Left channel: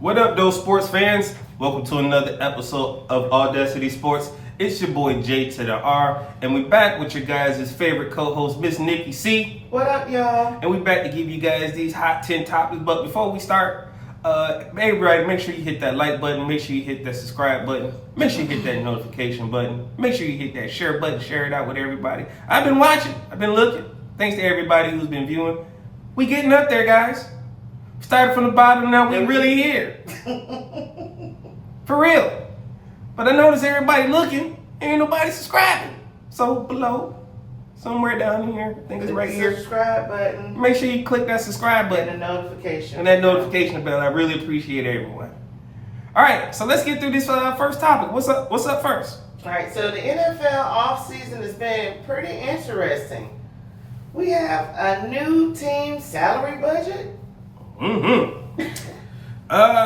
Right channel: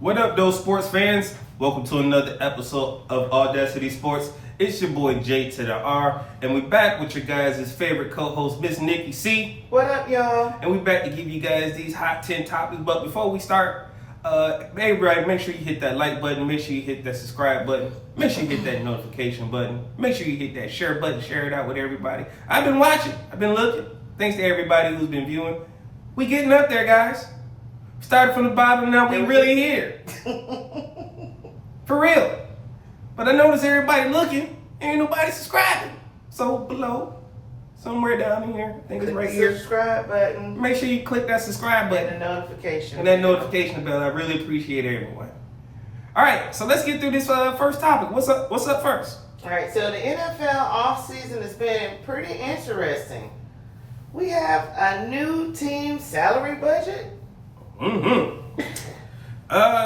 What up, those sports fans? Welcome to another episode of AwwDacity Sports. It's your boy J2DaR, and we back with your guys' favorite co-host, Miss NikkiC. What up, y'all? And we back to give you guys these hot 10 topics. But before we start, everybody, make sure you hit that like button. Make sure you hit that subscribe button. Make sure you hit that notification button. Make sure you hit that share button. Share it out with everybody. I've been watching. I've been looking. Thanks to everybody who's been viewing. We getting up there, guys. Started from the bottom, now we really here. For real. But I notice everybody looking, ain't nobody subscribing. So below, somewhere down here, I think it's right here. Subscribe button. Make sure you click that subscribe button. And the notification. And that notification bell. I really appreciate everyone. All right, so let's get through this first topic. What's up first? All right, so the NFL offseason has been pretty interesting. We have a new team salary budget.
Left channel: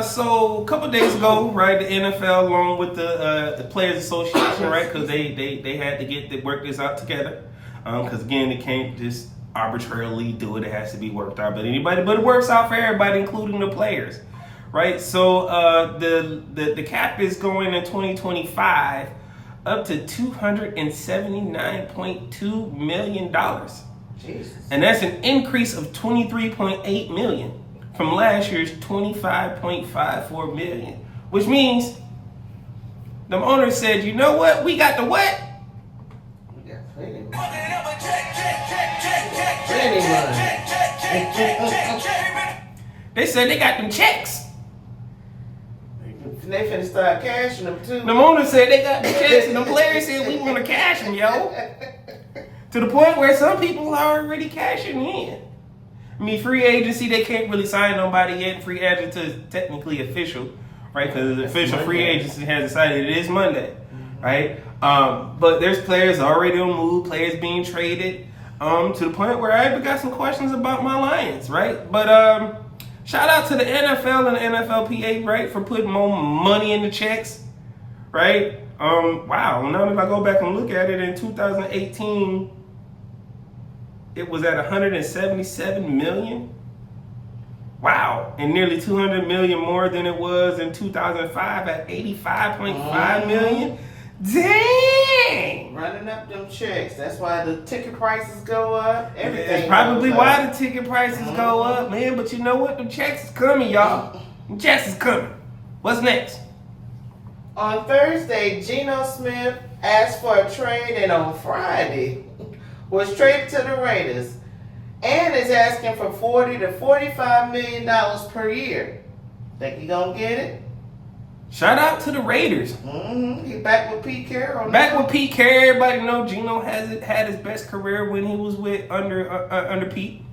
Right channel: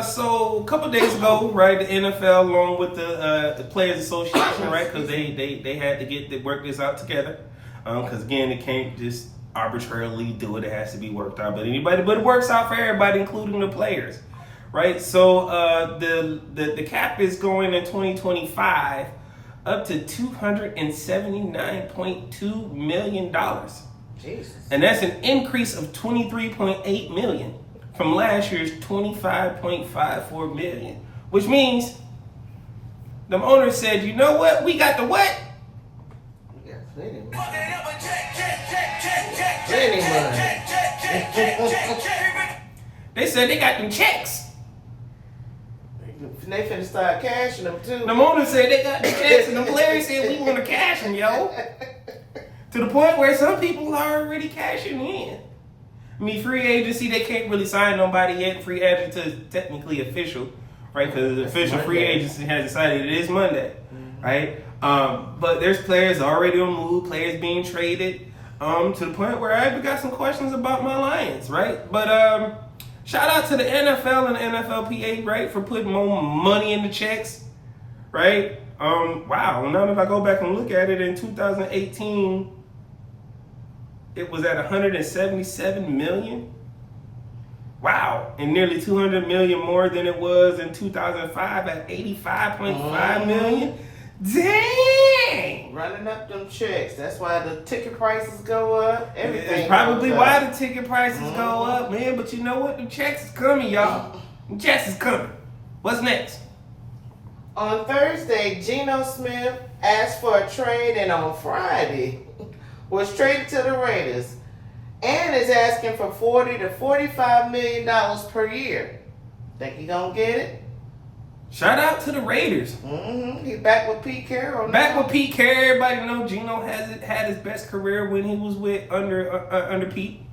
So a couple days ago, right, the NFL along with the Players Association, right, because they had to work this out together, because again, they can't just arbitrarily do it. It has to be worked out. But it works out for everybody, including the players, right? So the cap is going in 2025 up to $279.2 million, Jesus. and that's an increase of 23.8 million. From last year's $25.54 million, which means the owner said, you know what? We got the what? We got plenty of money. They said they got them checks. They finna start cashing them too. The owner said they got the checks, and the players said we want to cash them, yo. To the point where some people are already cashing in. I mean, free agency, they can't really sign nobody yet. Free agent is technically official, right? Because the official free agency has decided it is Monday, right? But there's players already on move, players being traded, to the point where I even got some questions about my Lions, right? But shout out to the NFL and the NFLPA, right, for putting more money in the checks, right? Wow, now that I go back and look at it, in 2018, it was at 177 million. Wow, and nearly 200 million more than it was in 2005 at 85.5 million. Dang! Running up them checks. That's why the ticket prices go up. Everything. It's probably why the ticket prices go up, man. But you know what? The checks is coming, y'all. The checks is coming. What's next? On Thursday, Geno Smith asked for a trade, and on Friday was traded to the Raiders and is asking for $40 to $45 million per year. Think he gonna get it? Shout out to the Raiders. He's back with Pete Carroll. Back with Pete Carroll. Everybody know Geno had his best career when he was with under Pete.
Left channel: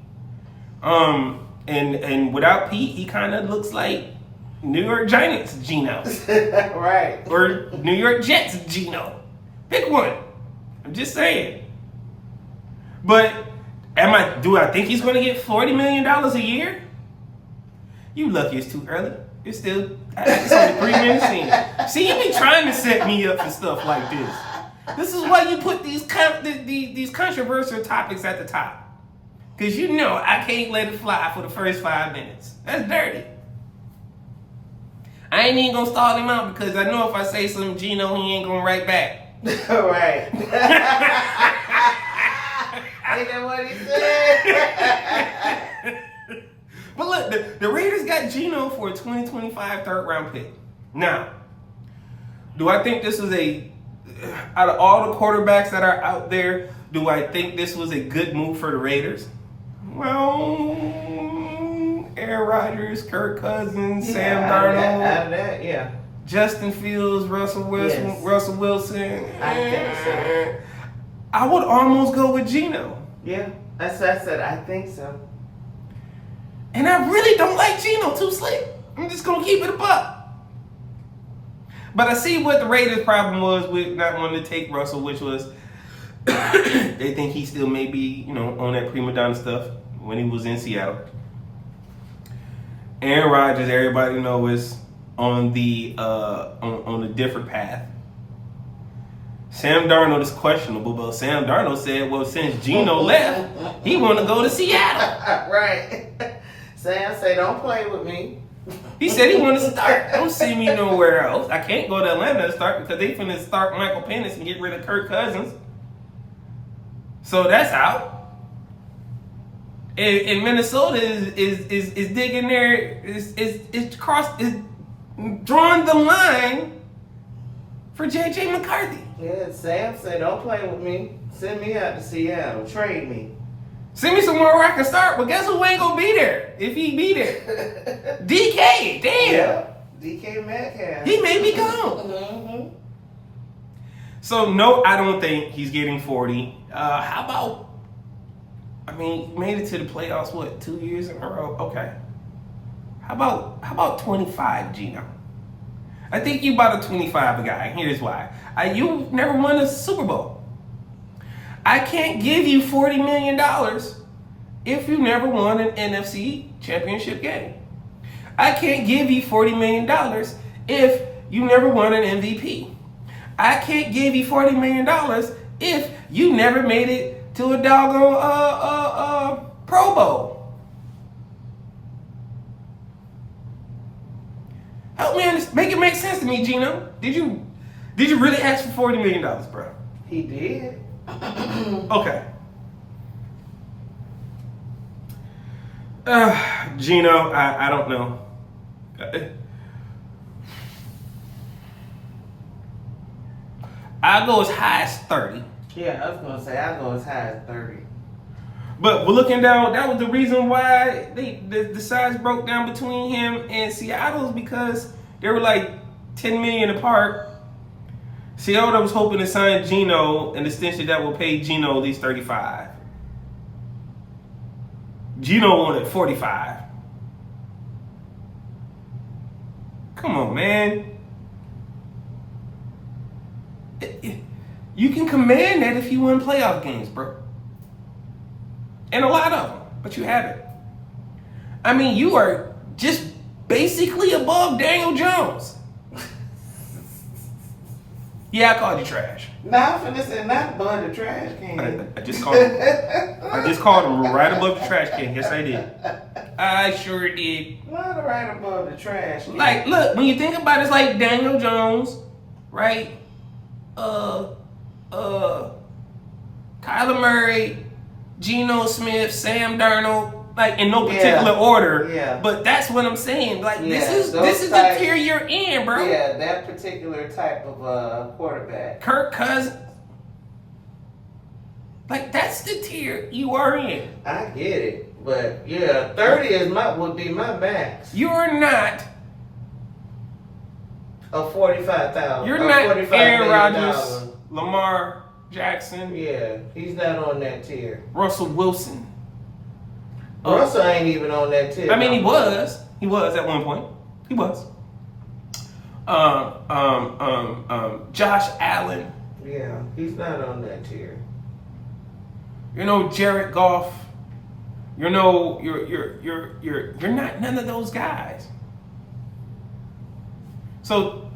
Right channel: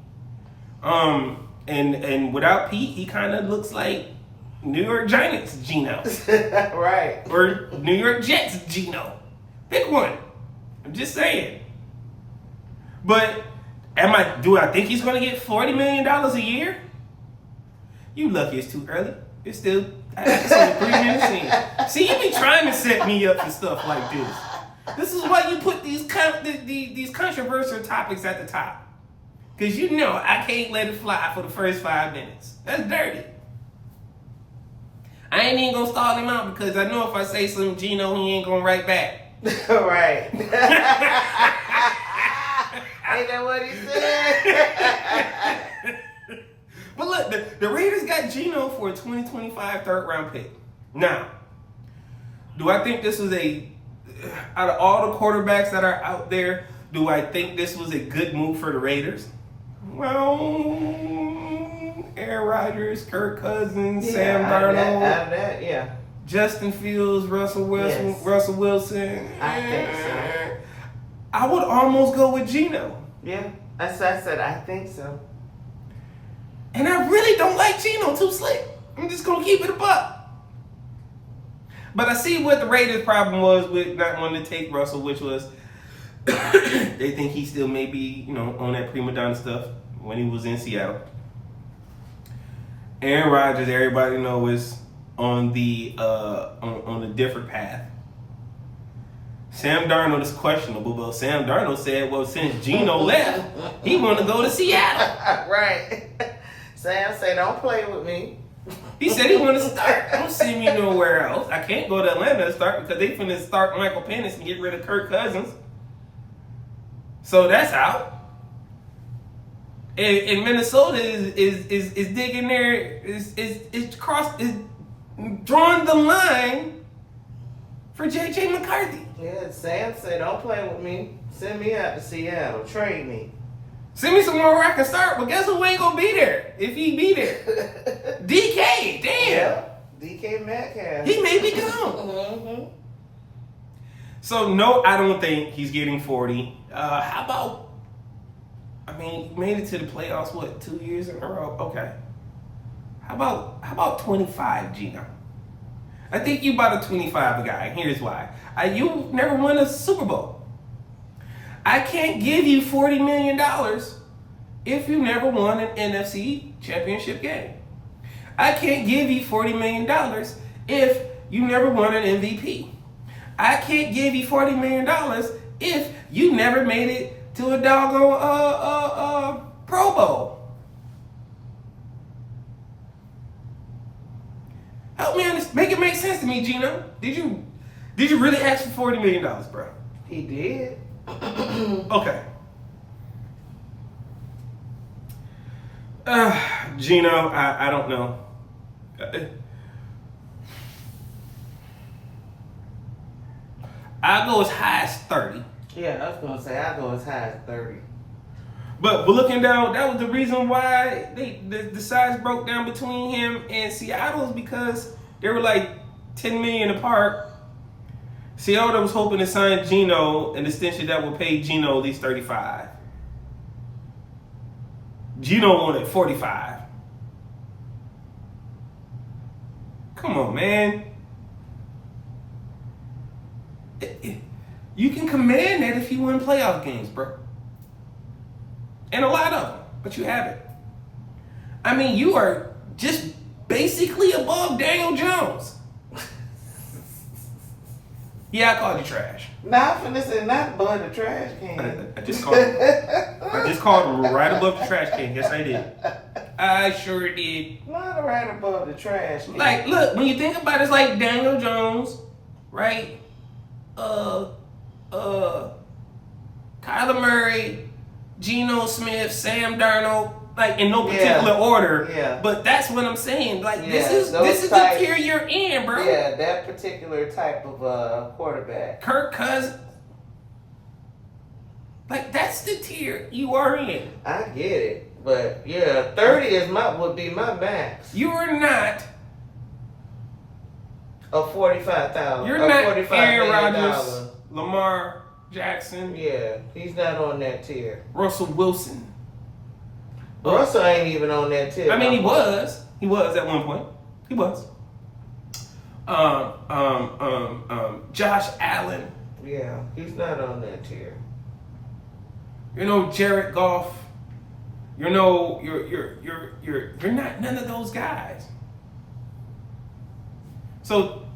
And without Pete, he kind of looks like New York Giants Geno. Right. Or New York Jets Geno. Pick one. I'm just saying. But do I think he's going to get $40 million a year? You lucky it's too early. It's only 3 minutes in. See, you be trying to set me up for stuff like this. This is why you put these controversial topics at the top. Because you know I can't let it fly for the first 5 minutes. That's dirty. I ain't even going to stall him out because I know if I say something Geno, he ain't going to write back. Right. Ain't that what he said? But look, the Raiders got Geno for a 2025 third-round pick. Now, do I think this was out of all the quarterbacks that are out there, do I think this was a good move for the Raiders? Well, Aaron Rodgers, Kirk Cousins, Sam Darnold, JustinFields, Russell Wilson. I think so. I would almost go with Geno. Yeah, that's what I said. I think so. And I really don't like Geno, too slick. I'm just going to keep it a buck. But I see what the Raiders' problem was with not wanting to take Russell, which was they think he still may be, on that prima donna stuff when he was in Seattle. Aaron Rodgers, everybody knows, is on a different path. Sam Darnold is questionable, but Sam Darnold said, well, since Geno left, he want to go to Seattle. Right. Sam said, don't play with me. He said he wanted to start. Don't see me nowhere else. I can't go to Atlanta to start because they finna start Michael Penix and get rid of Kirk Cousins. So that's out. And Minnesota is digging there, is drawing the line for J.J. McCarthy. Yeah, Sam said, don't play with me. Send me out to Seattle. Trade me. Send me somewhere where I can start, but guess who ain't gonna be there if he be there? DK, damn. Yeah, DK Metcalf. He may be gone. Mm-hmm. So no, I don't think he's getting 40. How about? I mean, he made it to the playoffs. What, 2 years in a row? Okay. How about 25, Gino? I think you about a 25 guy. Here's why. You never won a Super Bowl. I can't give you $40 million if you never won an NFC championship game. I can't give you $40 million if you never won an MVP. I can't give you $40 million if you never made it to a doggone Pro Bowl. Help me understand. Make it make sense to me, Gino. Did you really ask for $40 million, bro? He did. Okay. Gino, I don't know. I'll go as high as 30. Yeah, I was going to say, I'll go as high as 30. But we're looking down, that was the reason why the size broke down between him and Seattle's, because they were like $10 million apart. Seattle was hoping to sign Gino an extension that will pay Gino at least 35. Gino wanted 45. Come on, man. You can command that if you win playoff games, bro. And a lot of them, but you haven't. I mean, you are just basically above Daniel Jones. Yeah, I called you trash. Not for this and not above the trash can. I just called him. I just called him right above the trash can. Yes, I did. I sure did. Not right above the trash can. Like, look, when you think about it, it's like Daniel Jones, right? Kyler Murray, Geno Smith, Sam Darnold, like in no particular order. Yeah. But that's what I'm saying. Like this is the tier you're in, bro. Yeah, that particular type of quarterback. Kirk Cousins. Like that's the tier you are in. I get it, but yeah, 30 would be my max. You're not of 45,000. You're not Aaron Rodgers, Lamar Jackson. Yeah, he's not on that tier. Russell Wilson. Russell ain't even on that tier. I mean, he was. He was at one point. He was. Josh Allen. Yeah, he's not on that tier. You know, Jared Goff. You know, you're not none of those guys. So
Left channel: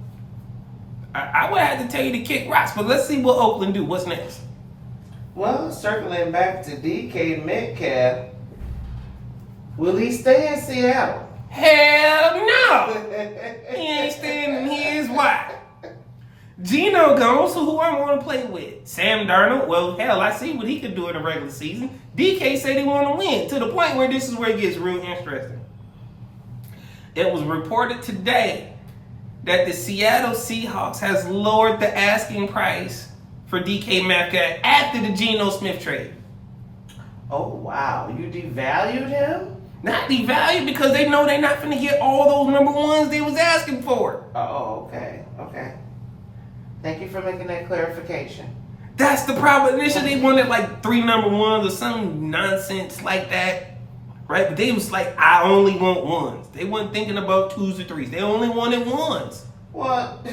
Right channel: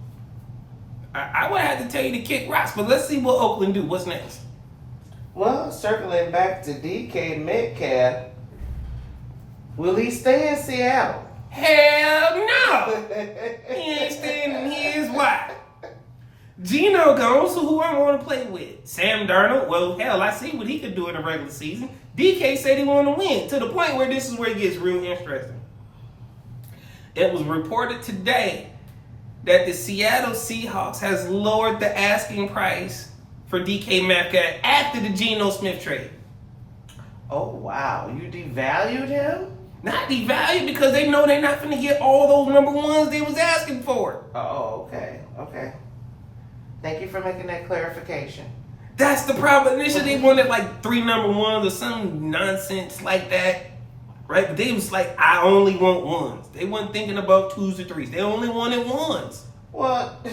I would have to tell you to kick rocks, but let's see what Oakland do. What's next? Well, circling back to DK Metcalf, will he stay in Seattle? Hell no! He ain't staying. Here's why. Geno goes, so who I want to play with? Sam Darnold? Well, hell, I see what he could do in the regular season. DK said he wanted to win, to the point where this is where it gets real interesting. It was reported today that the Seattle Seahawks has lowered the asking price for DK Metcalf after the Geno Smith trade. Oh, wow. You devalued him? Not devalued, because they know they're not going to get all those number ones they was asking for. Oh, okay. Okay. Thank you for making that clarification. That's the problem. Initially, they wanted like 3 number ones or some nonsense like that. Right? But they was like, I only want ones. They weren't thinking about 2s or 3s. They only wanted ones. Well,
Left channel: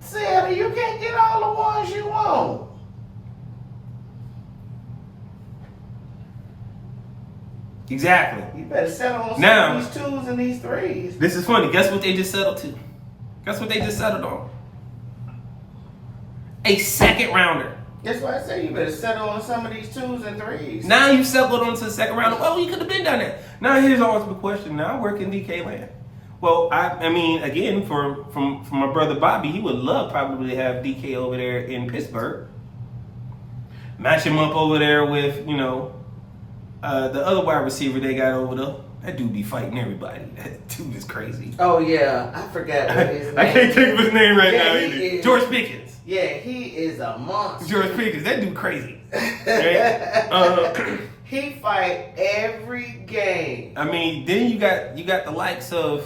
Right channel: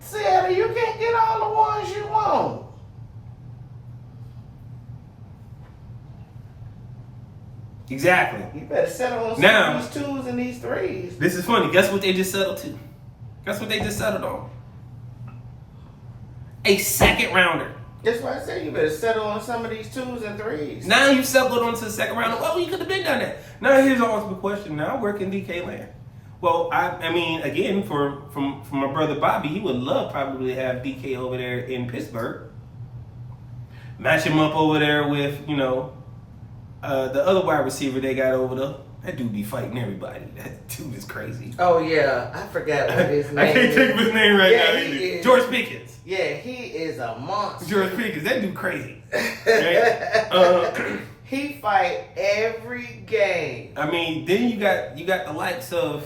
Seattle, you can't get all the ones you want. Exactly. You better settle on now, these 2s and these 3s. This is funny. Guess what they just settled to? Guess what they just settled on? A second rounder. That's why I said you better settle on some of these 2s and 3s. Now you've settled onto the second rounder. Well, you could have been done that. Now here's the ultimate question. Now where can DK land? Well, I mean, again, from my brother Bobby, he would love probably to have DK over there in Pittsburgh. Match him up over there with, the other wide receiver they got over there. That dude be fighting everybody. That dude is crazy. Oh, yeah. I forgot what his name is. I can't think of his name right now either. George Pickens. Yeah, he is a monster. George Pickens. That dude crazy. Right? He fight every game. I mean, then you got the likes of,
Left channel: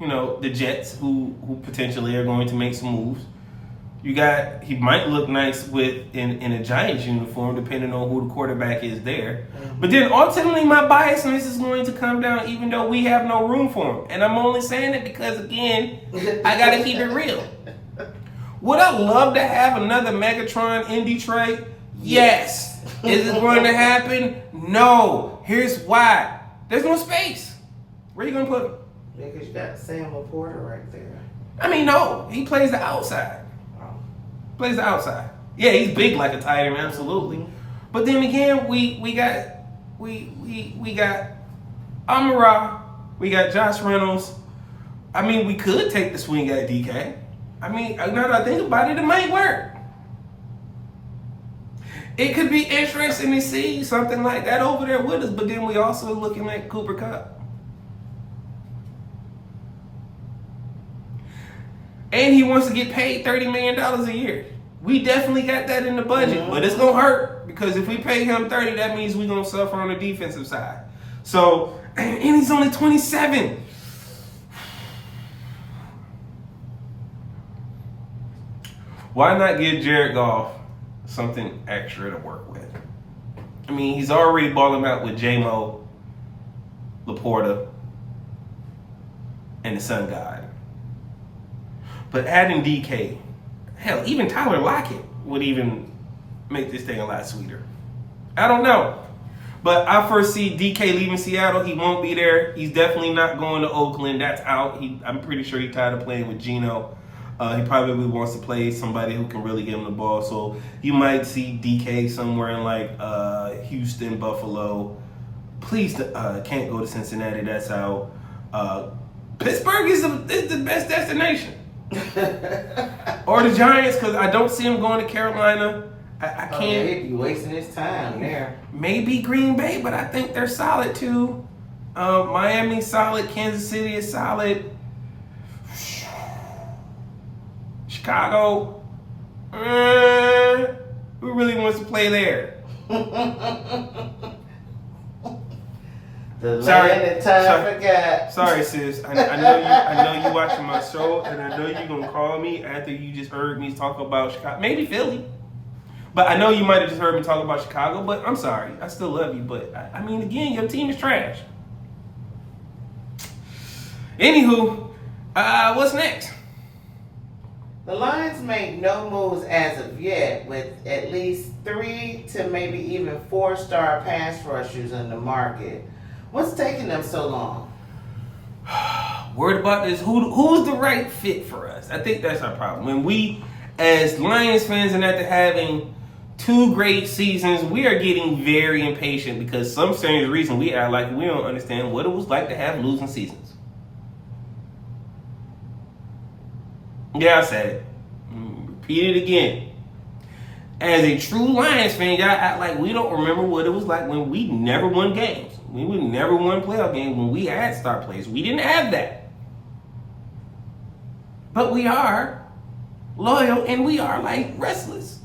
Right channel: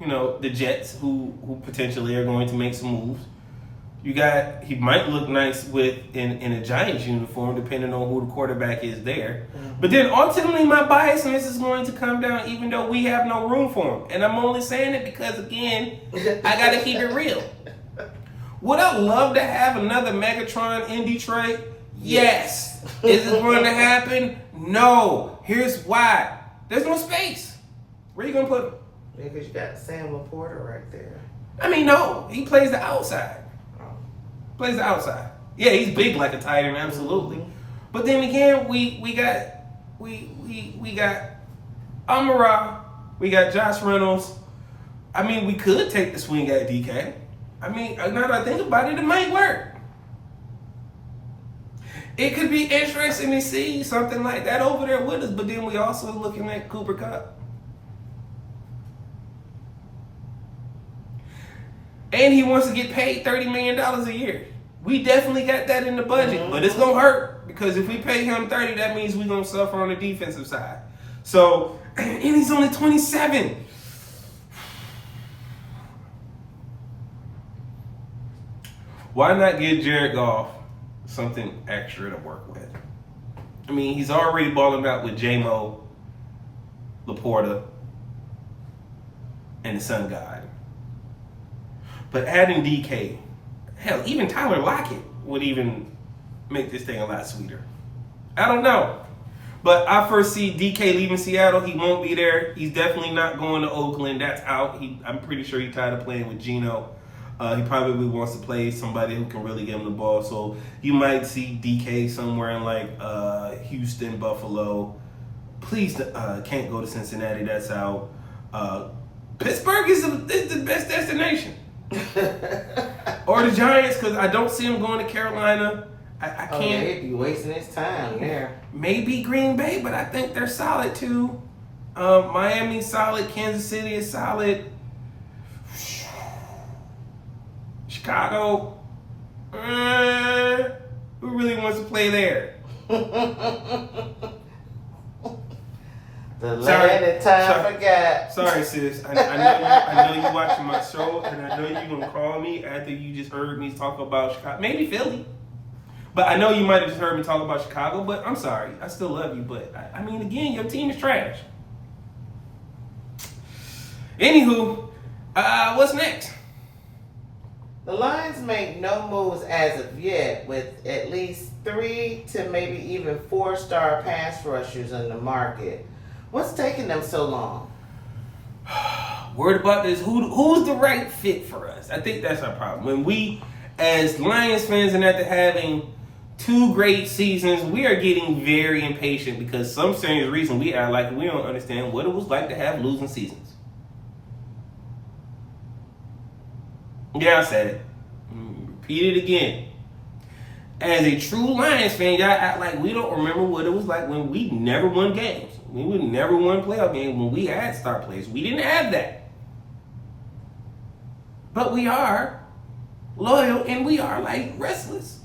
the Jets who potentially are going to make some moves. He might look nice in a Giants uniform, depending on who the quarterback is there. But then ultimately, my biasness is going to come down, even though we have no room for him. And I'm only saying it because, again, I got to keep it real. Would I love to have another Megatron in Detroit? Yes. Is it going to happen? No. Here's why. There's no space. Where are you going to put him? Yeah, because you got Sam Laporta right there. I mean, no. He plays the outside. Plays the outside. Yeah, he's big like a tight end, absolutely. But then again, we got Amara, we got Josh Reynolds. I mean, we could take the swing at DK. I mean, now that I think about it, it might work. It could be interesting to see something like that over there with us, but then we also looking at Cooper Kupp. And he wants to get paid $30 million a year. We definitely got that in the budget, but it's going to hurt because if we pay him $30, that means we're going to suffer on the defensive side. So, and he's only 27. Why not give Jared Goff something extra to work with? I mean, he's already balling out with J-Mo, Laporta, and the Sun God. But adding DK, hell, even Tyler Lockett would even make this thing a lot sweeter. I don't know. But I foresee DK leaving Seattle. He won't be there. He's definitely not going to Oakland. That's out. I'm pretty sure he's tired of playing with Geno. He probably wants to play somebody who can really give him the ball. So you might see DK somewhere in like Houston, Buffalo. Please can't go to Cincinnati. That's out. Pittsburgh is the best destination. Or the Giants, because I don't see him going to Carolina. I can't. He'd be wasting his time there. Maybe Green Bay, but I think they're solid too. Miami's solid. Kansas City is solid. Chicago. Who really wants to play there? The land that time forgot. Sorry, sis. I know you watching my show, and I know you're gonna call me after you just heard me talk about Chicago. Maybe Philly. But I know you might have just heard me talk about Chicago, but I'm sorry. I still love you, but I mean, again, your team is trash. Anywho, what's next? The Lions make no moves as of yet, with at least 3 to maybe even 4-star pass rushers in the market. What's taking them so long? Worried about this. Who's the right fit for us? I think that's our problem. When we, as Lions fans, and after having 2 great seasons, we are getting very impatient because some strange reason we act like we don't understand what it was like to have losing seasons. Yeah, I said it. Repeat it again. As a true Lions fan, y'all act like we don't remember what it was like when we never won games. We would never won playoff games when we had star players. We didn't have that. But we are loyal and we are like restless.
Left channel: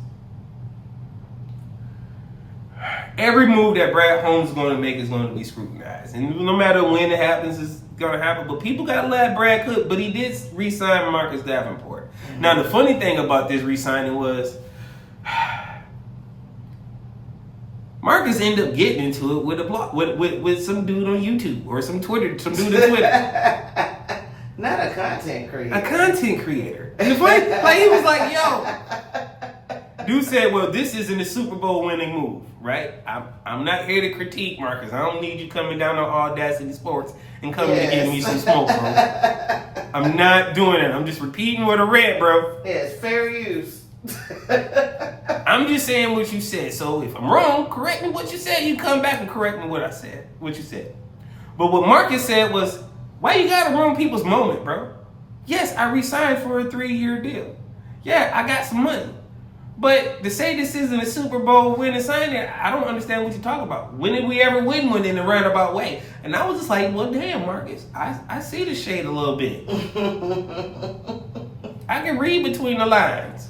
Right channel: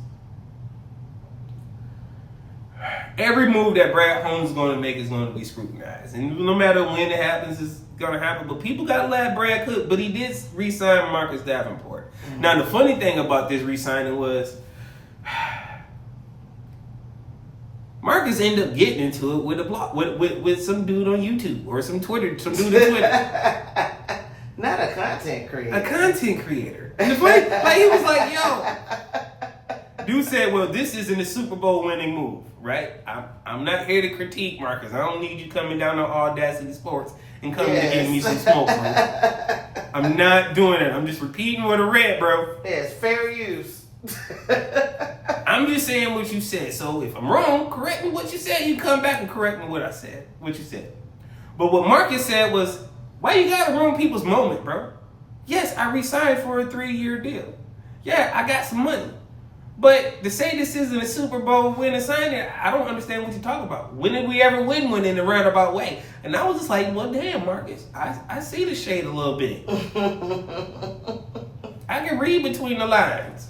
Every move that Brad Holmes is going to make is going to be scrutinized. And no matter when it happens, it's going to happen. But people got to let Brad cook. But he did re-sign Marcus Davenport. Mm-hmm. Now, the funny thing about this re-signing was Marcus ended up getting into it with a blog, with some dude on YouTube or some dude on Twitter. Not a content creator. A content creator. And the funny, like he was like, yo. Dude said, well, this isn't a Super Bowl winning move, right? I'm not here to critique Marcus. I don't need you coming down on AwwDacity Sports and coming to give me some smoke, bro. I'm not doing it. I'm just repeating what I read, bro. Yes, fair use. I'm just saying what you said. So if I'm wrong, correct me what you said. You come back and correct me what I said, what you said. But what Marcus said was, Why you gotta ruin people's moment, bro? Yes, I re-signed for a 3-year deal. Yeah, I got some money. But to say this isn't a Super Bowl winning signing, I don't understand what you're talking about. When did we ever win one in a roundabout way? And I was just like, well, damn, Marcus, I see the shade a little bit. I can read between the lines.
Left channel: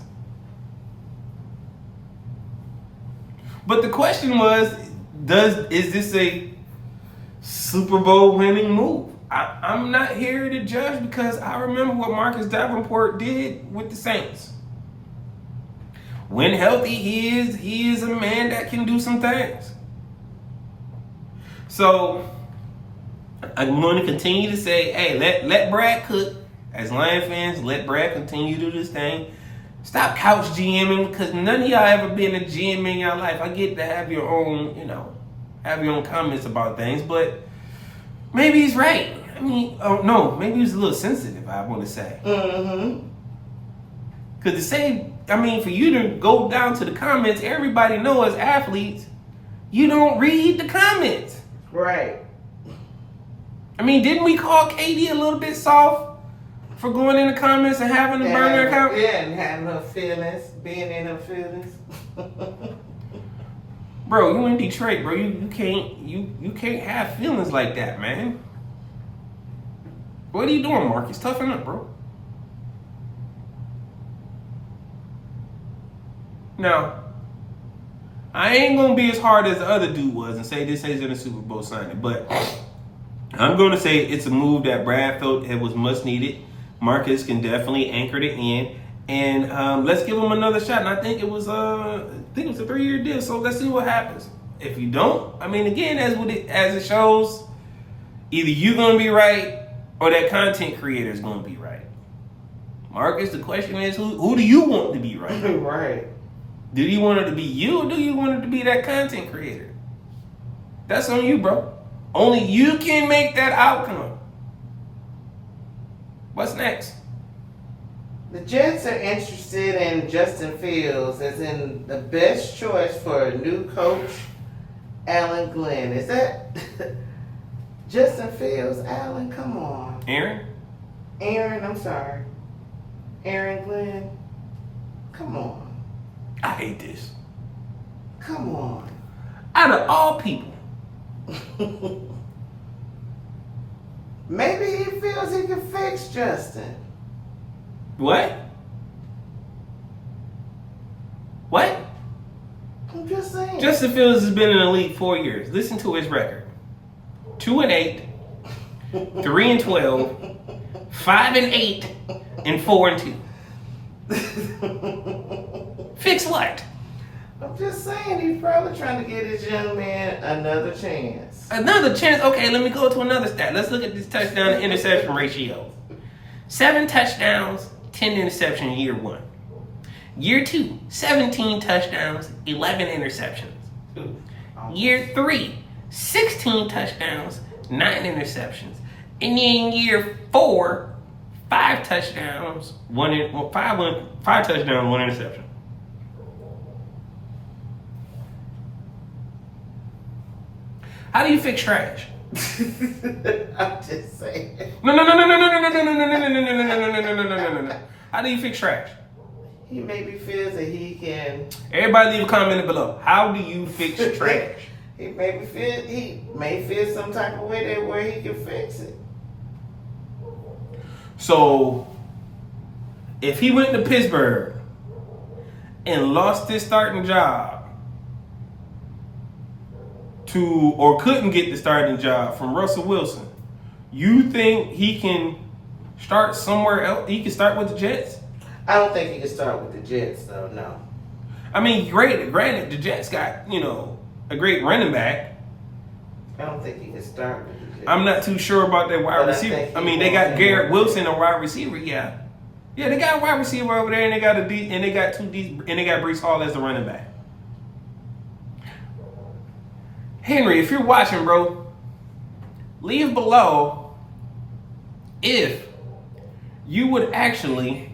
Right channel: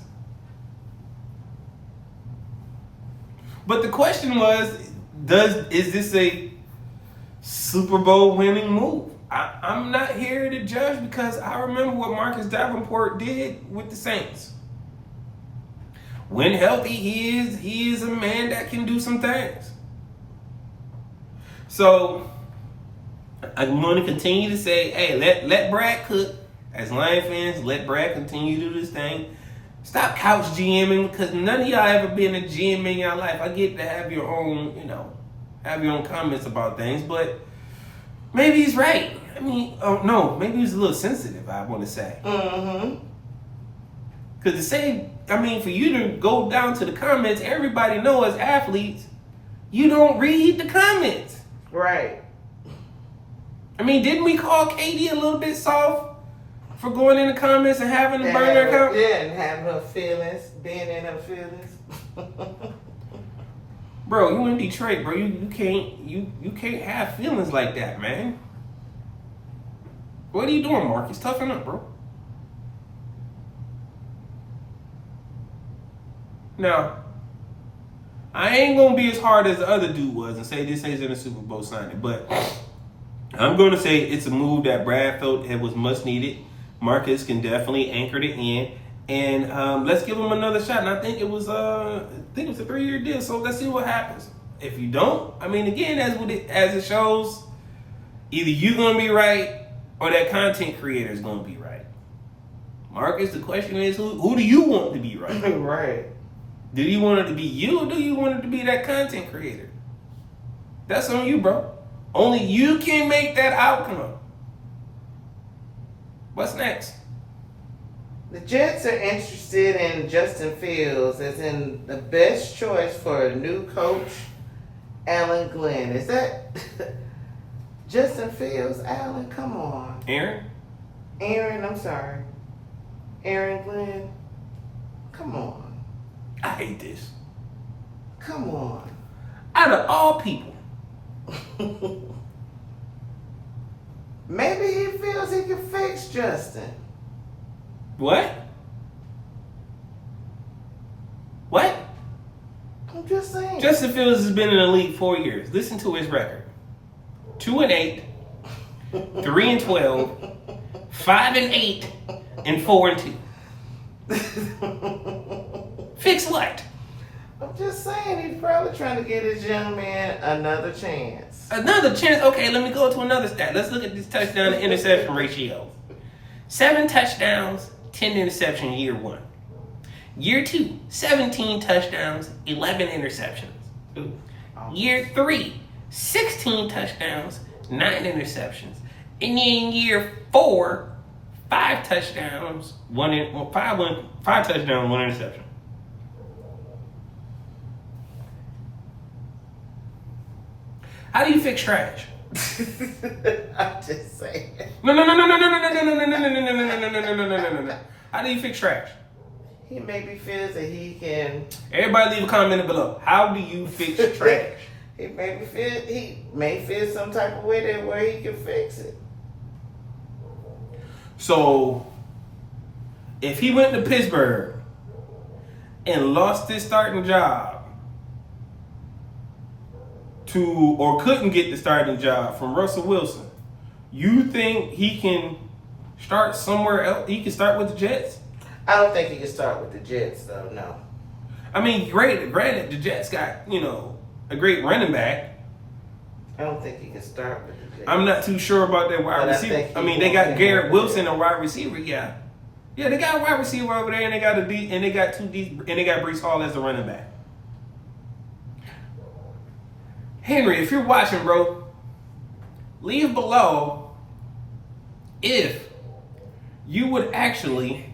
But the question was, is this a Super Bowl winning move? I'm not here to judge because I remember what Marcus Davenport did with the Saints. When healthy, he is a man that can do some things. So I'm going to continue to say, hey, let Brad cook. As Lion fans, let Brad continue to do this thing. Stop couch GMing because none of y'all ever been a GM in your life. I get to have your own, have your own comments about things, but maybe he's right. I mean, no, maybe he's a little sensitive, I want to say. Mm-hmm. Because to say, for you to go down to the comments, everybody know as athletes, you don't read the comments. Right. Didn't we call Katie a little bit soft for going in the comments and having the burner account? Yeah, and having her feelings, being in her feelings. Bro, you in Detroit, bro. You can't have feelings like that, man. What are you doing, Marcus? Toughen up, bro. Now, I ain't gonna be as hard as the other dude was and say this isn't a Super Bowl signing, but I'm gonna say it's a move that Brad felt it was much needed. Marcus can definitely anchor it in, and let's give him another shot. And I think it was a 3-year deal. So let's see what happens. If you don't, again, as it shows, either you're gonna be right or that content creator is gonna be right. Marcus, the question is, who do you want to be right? Right. Do you want it to be you or do you want it to be that content creator? That's on you, bro. Only you can make that outcome. What's next? The Jets are interested in Justin Fields as in the best choice for a new coach, Alan Glenn. Is that Justin Fields? Alan, come on. Aaron, I'm sorry. Aaron Glenn, come on. I hate this. Come on. Out of all people. Maybe he feels he can fix Justin. What? What? I'm just saying. Justin Fields has been in the league 4 years. Listen to his record. 2-8, 3-12, 5-8, and 4-2. Fix what? I'm just saying he's probably trying to get his young man another chance. Another chance? Okay, let me go to another stat. Let's look at this touchdown to interception ratio. 7 touchdowns, 10 interceptions year 1. Year 2, 17 touchdowns, 11 interceptions. Year 3, 16 touchdowns, 9 interceptions. And then year 4, 5 touchdowns, 1 interception. How do you fix trash? I'm just saying. No. How do you fix trash? He maybe feels that he can. Everybody leave a comment below. How do you fix trash? He may feel some type of way that where he can fix it. So, if he went to Pittsburgh and lost his starting job or couldn't get the starting job from Russell Wilson, you think he can start somewhere else? He can start with the Jets? I don't think he can start with the Jets, though, no. Granted, the Jets got, a great running back. I don't think he can start with the Jets. I'm not too sure about that wide receiver. They got Garrett Wilson, a wide receiver, yeah. Yeah, they got a wide receiver over there, and they got Breece Hall as the running back. Henry, if you're watching, bro, leave below if you would freaking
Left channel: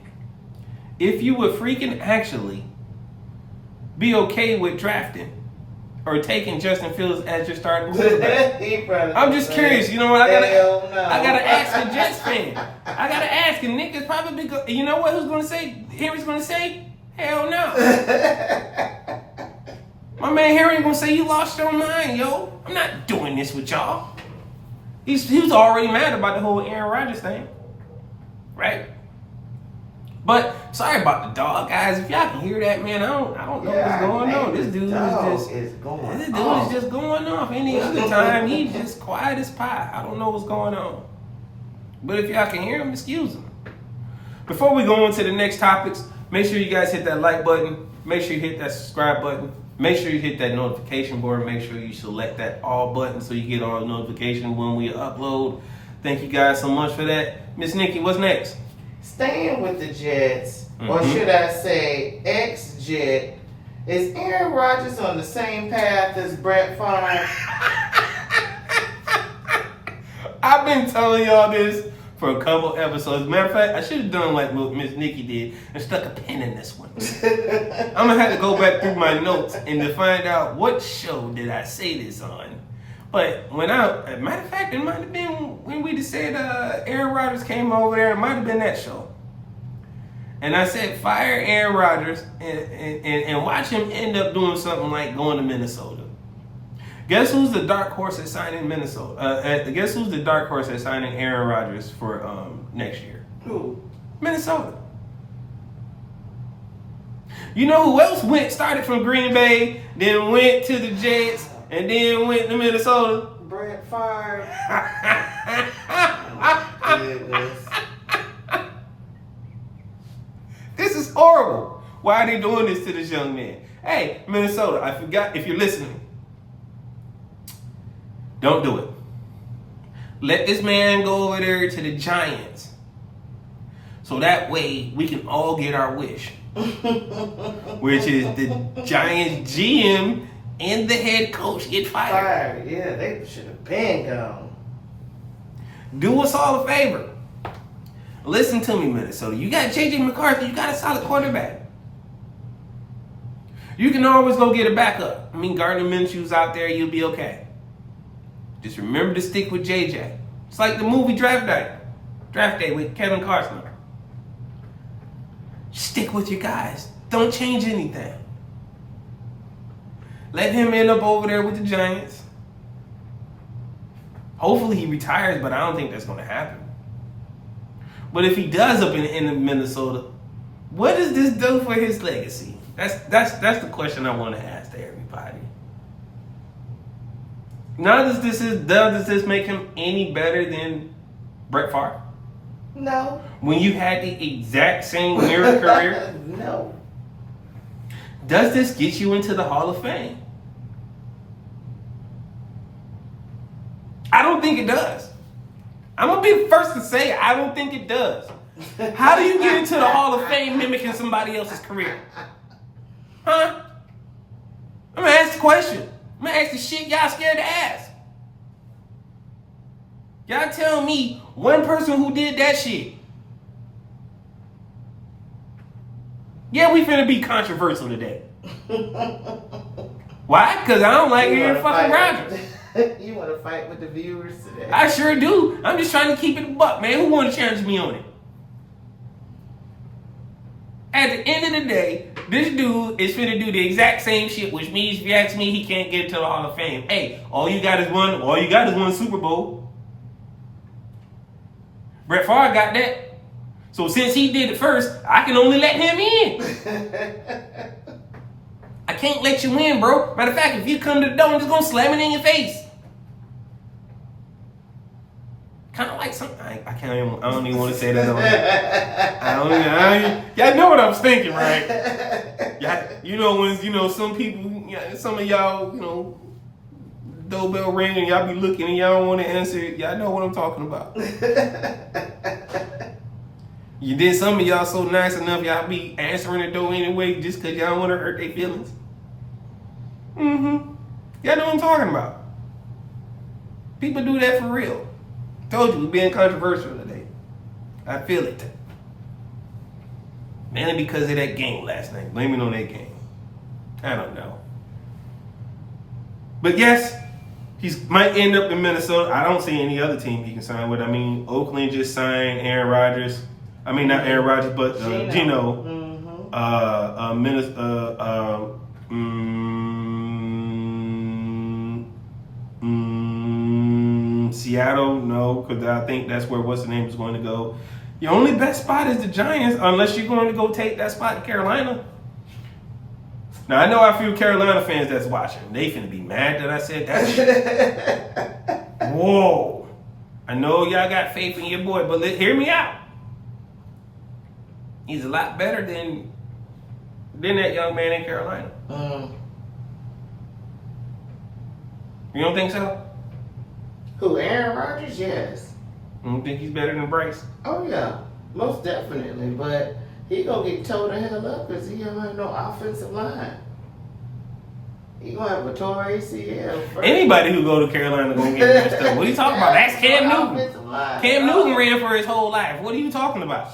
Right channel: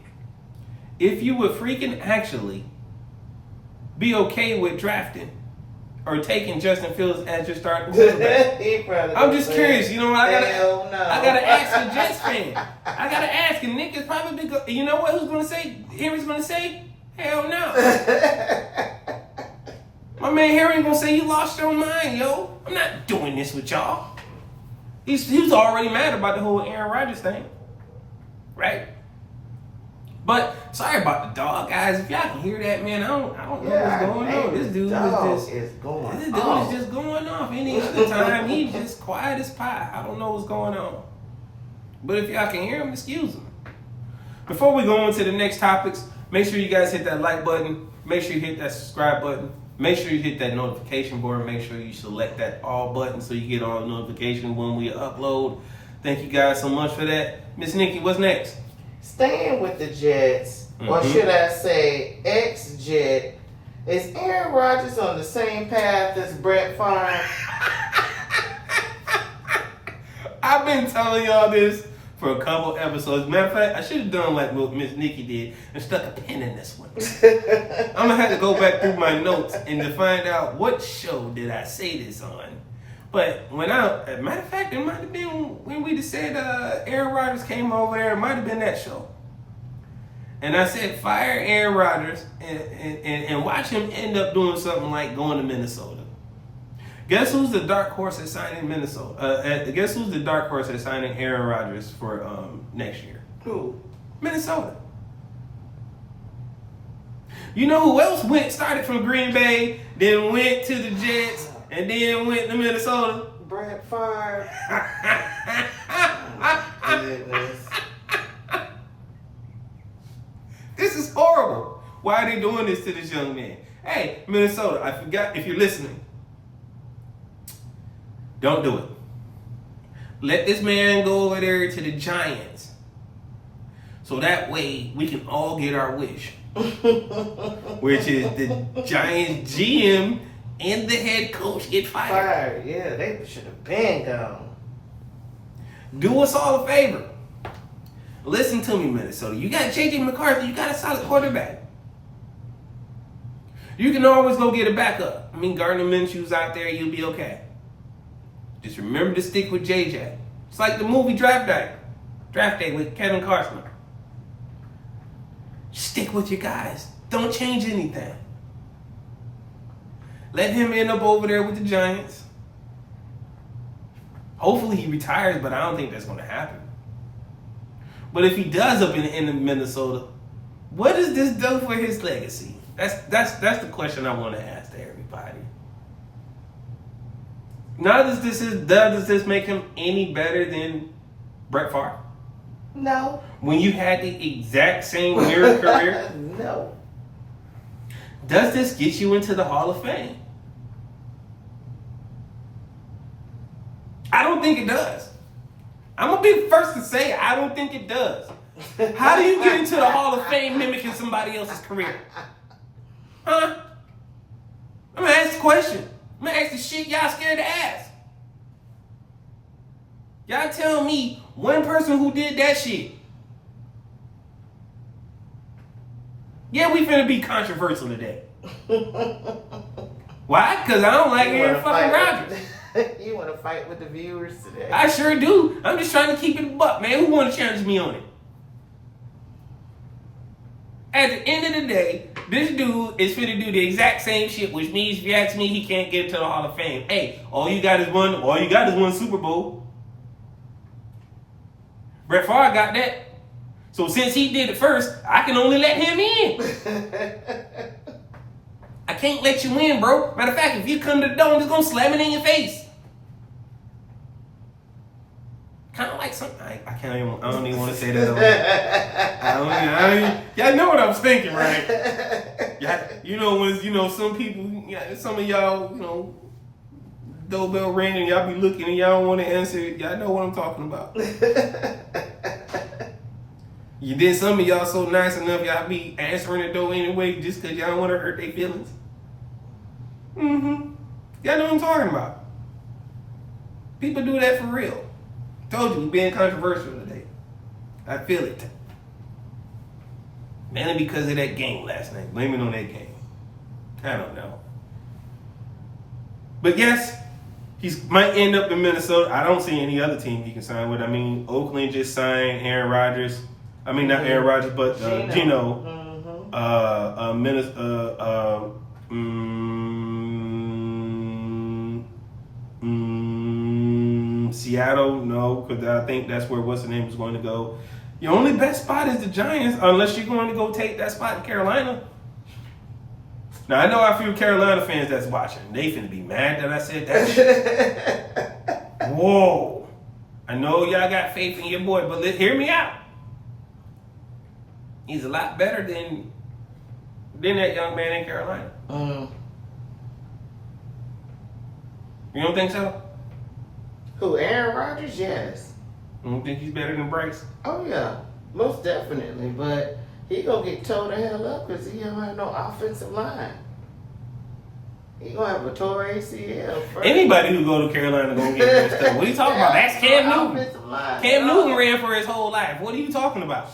actually be okay with drafting or taking Justin Fields as your starting quarterback? He probably I'm just said, curious. You know what? I "Hell no." gotta ask a Jets fan. I gotta ask, and Nick is probably you know what? Who's gonna say? Henry's gonna say, "Hell no." My man Henry's gonna say, "You lost your mind, yo. I'm not doing this with y'all." He was already mad about the whole Aaron Rodgers thing, right? But sorry about the dog, guys. If y'all can hear that, man, I don't know what's going on. This dude is just going off. Any other time, he's just quiet as pie. I don't know what's going on. But if y'all can hear him, excuse him. Before we go on to the next topics, make sure you guys hit that like button. Make sure you hit that subscribe button. Make sure you hit that notification board. Make sure you select that all button so you get all notifications when we upload. Thank you guys so much for that. Miss Nikki, what's next? Staying with the Jets, or should I say ex-Jet, is Aaron Rodgers on the same path as BrettFrave? I've been telling y'all this for a couple episodes. Matter of fact, I should have done like what Miss Nikki did and stuck a pin in this one. I'm going to have to go back through my notes and to find out what show did I say this on. But matter of fact, it might have been when we just said Aaron Rodgers came over there. It might have been that show. And I said, fire Aaron Rodgers and watch him end up doing something like going to Minnesota. Guess who's the dark horse at signing Minnesota? Guess who's the dark horse at signing Aaron Rodgers for next year? Who? Minnesota. You know who else started from Green Bay, then went to the Jets, and then went to Minnesota? BrettFrave. This is horrible. Why are they doing this to this young man? Hey, Minnesota, I forgot if you're listening. Don't do it. Let this man go over there to the Giants. So that way we can all get our wish. Which is the Giants GM and the head coach get fired. Yeah, they should have been gone. Do us all a favor. Listen to me, Minnesota. You got J.J. McCarthy. You got a solid quarterback. You can always go get a backup. I mean, Gardner Minshew's out there. You'll be okay. Just remember to stick with J.J. It's like the movie Draft Day with Kevin Costner. Stick with your guys. Don't change anything. Let him end up over there with the Giants. Hopefully he retires, but I don't think that's going to happen. But if he does up in Minnesota, what does this do for his legacy? That's the question I want to ask to everybody. Now, does this make him any better than Brett Favre? No. When you had the exact same mirror career? No. Does this get you into the Hall of Fame? I don't think it does. I'm going to be the first to say I don't think it does. How do you get into the Hall of Fame mimicking somebody else's career? Huh? I'm going to ask the question. I'm going to ask the shit y'all scared to ask. Y'all tell me one person who did that shit. Yeah, we finna be controversial today. Why? Because I don't like Aaron fucking Rodgers. You want to fight with the viewers today? I sure do. I'm just trying to keep it a buck, man. Who want to challenge me on it? At the end of the day, this dude is finna do the exact same shit, which means if you ask me, he can't get to the Hall of Fame. Hey, all you got is one Super Bowl. Brett Favre got that. So since he did it first, I can only let him in. I can't let you in, bro. Matter of fact, if you come to the door, I'm just gonna slam it in your face. Kind of like something. I don't even want to say that on here. Y'all know what I was thinking, right? You know when some people, some of y'all, doorbell ring and y'all be looking and y'all don't want to answer it. Y'all know what I'm talking about. You did some of y'all so nice enough y'all be answering the door anyway just because y'all don't want to hurt their feelings. Y'all know what I'm talking about. People do that for real. Told you, we're being controversial today. I feel it. Mainly because of that game last night. Blame it on that game. I don't know. But yes, he might end up in Minnesota. I don't see any other team he can sign with. I mean, Oakland just signed Aaron Rodgers. I mean, not Aaron Rodgers, but Gino. Seattle, no, because I think that's where what's the name is going to go. Your only best spot is the Giants, unless you're going to go take that spot in Carolina. Now, I know a few Carolina fans that's watching. They finna be mad that I said that shit. Whoa. I know y'all got faith in your boy, but hear me out. He's a lot better than that young man in Carolina. You don't think so? Who, Aaron Rodgers? Yes. You don't think he's better than Bryce? Oh, yeah. Most definitely. But he gonna get tore the hell up because he don't have no offensive line. He gonna have a tore ACL. First. Anybody who go to Carolina gonna get messed up. What are you talking about? That's Cam Newton. Cam Newton ran for his whole life. What are you talking about?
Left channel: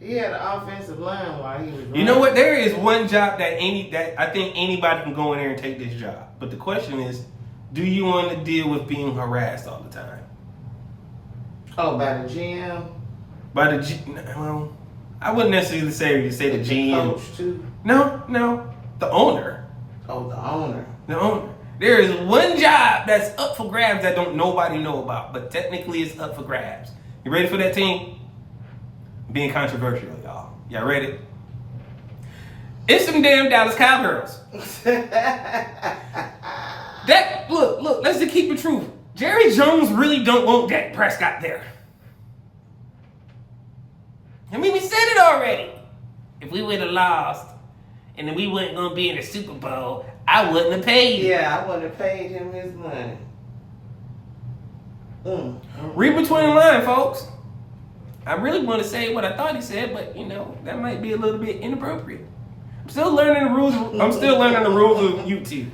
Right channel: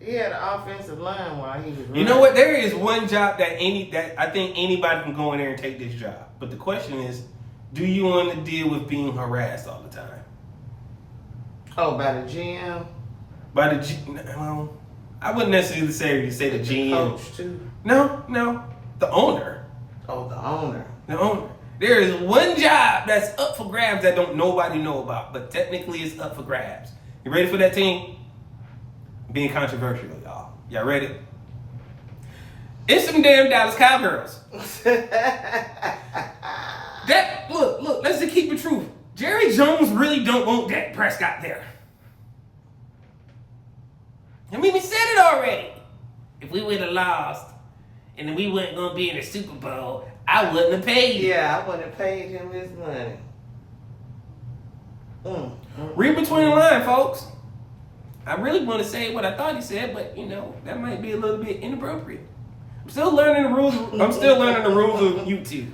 He had an offensive line while he was running. You know what? There is one job that I think anybody can go in there and take this job. But the question is, do you want to deal with being harassed all the time? Oh, by the GM? By the well, I wouldn't necessarily say the GM. Coach too? No, the owner. Oh, the owner. The owner. There is one job that's up for grabs that don't nobody know about, but technically it's up for grabs. You ready for that team? Being controversial, y'all. Y'all ready? It's some damn Dallas Cowgirls. Look, let's just keep it true. Jerry Jones really don't want Dak Prescott there. I mean, we said it already. If we would have lost and we weren't going to be in the Super Bowl, I wouldn't have paid him. Yeah, I wouldn't have paid him his money. Read between the lines, folks. I really want to say what I thought he said, but, that might be a little bit inappropriate. I'm still learning the rules of YouTube.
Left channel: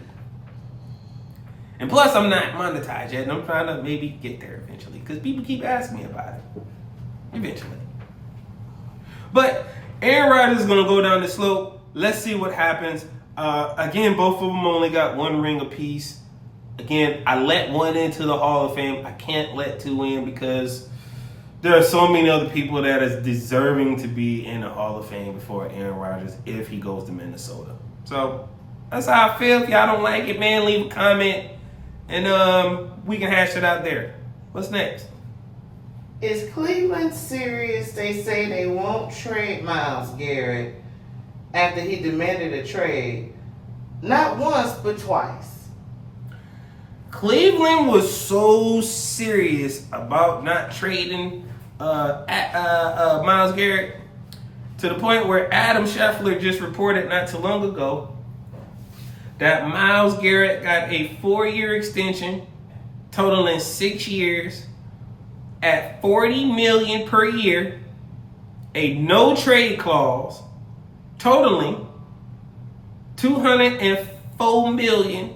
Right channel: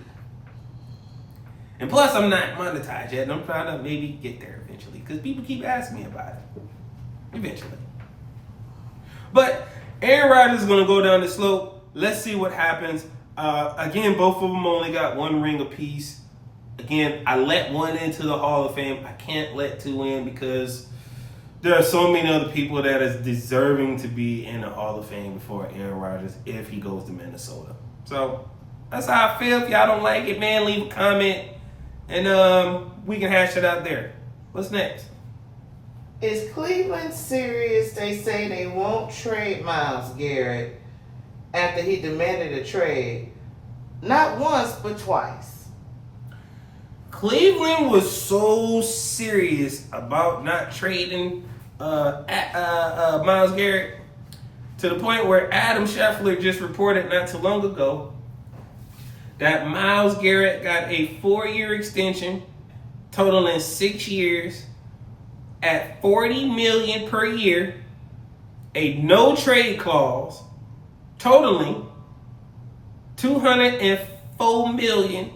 And plus, I'm not monetized yet, and I'm trying to maybe get there eventually, because people keep asking me about it. Eventually. But Aaron Rodgers is going to go down the slope. Let's see what happens. Again, both of them only got one ring apiece. Again, I let one into the Hall of Fame. I can't let two in because there are so many other people that is deserving to be in the Hall of Fame before Aaron Rodgers if he goes to Minnesota. So that's how I feel. If y'all don't like it, man, leave a comment. And we can hash it out there. What's next? Is Cleveland serious? They say they won't trade Myles Garrett after he demanded a trade. Not once, but twice. Cleveland was so serious about not trading Myles Garrett to the point where Adam Scheffler just reported not too long ago that Myles Garrett got a 4-year extension totaling 6 years at $40 million per year, a no trade clause totaling $204 million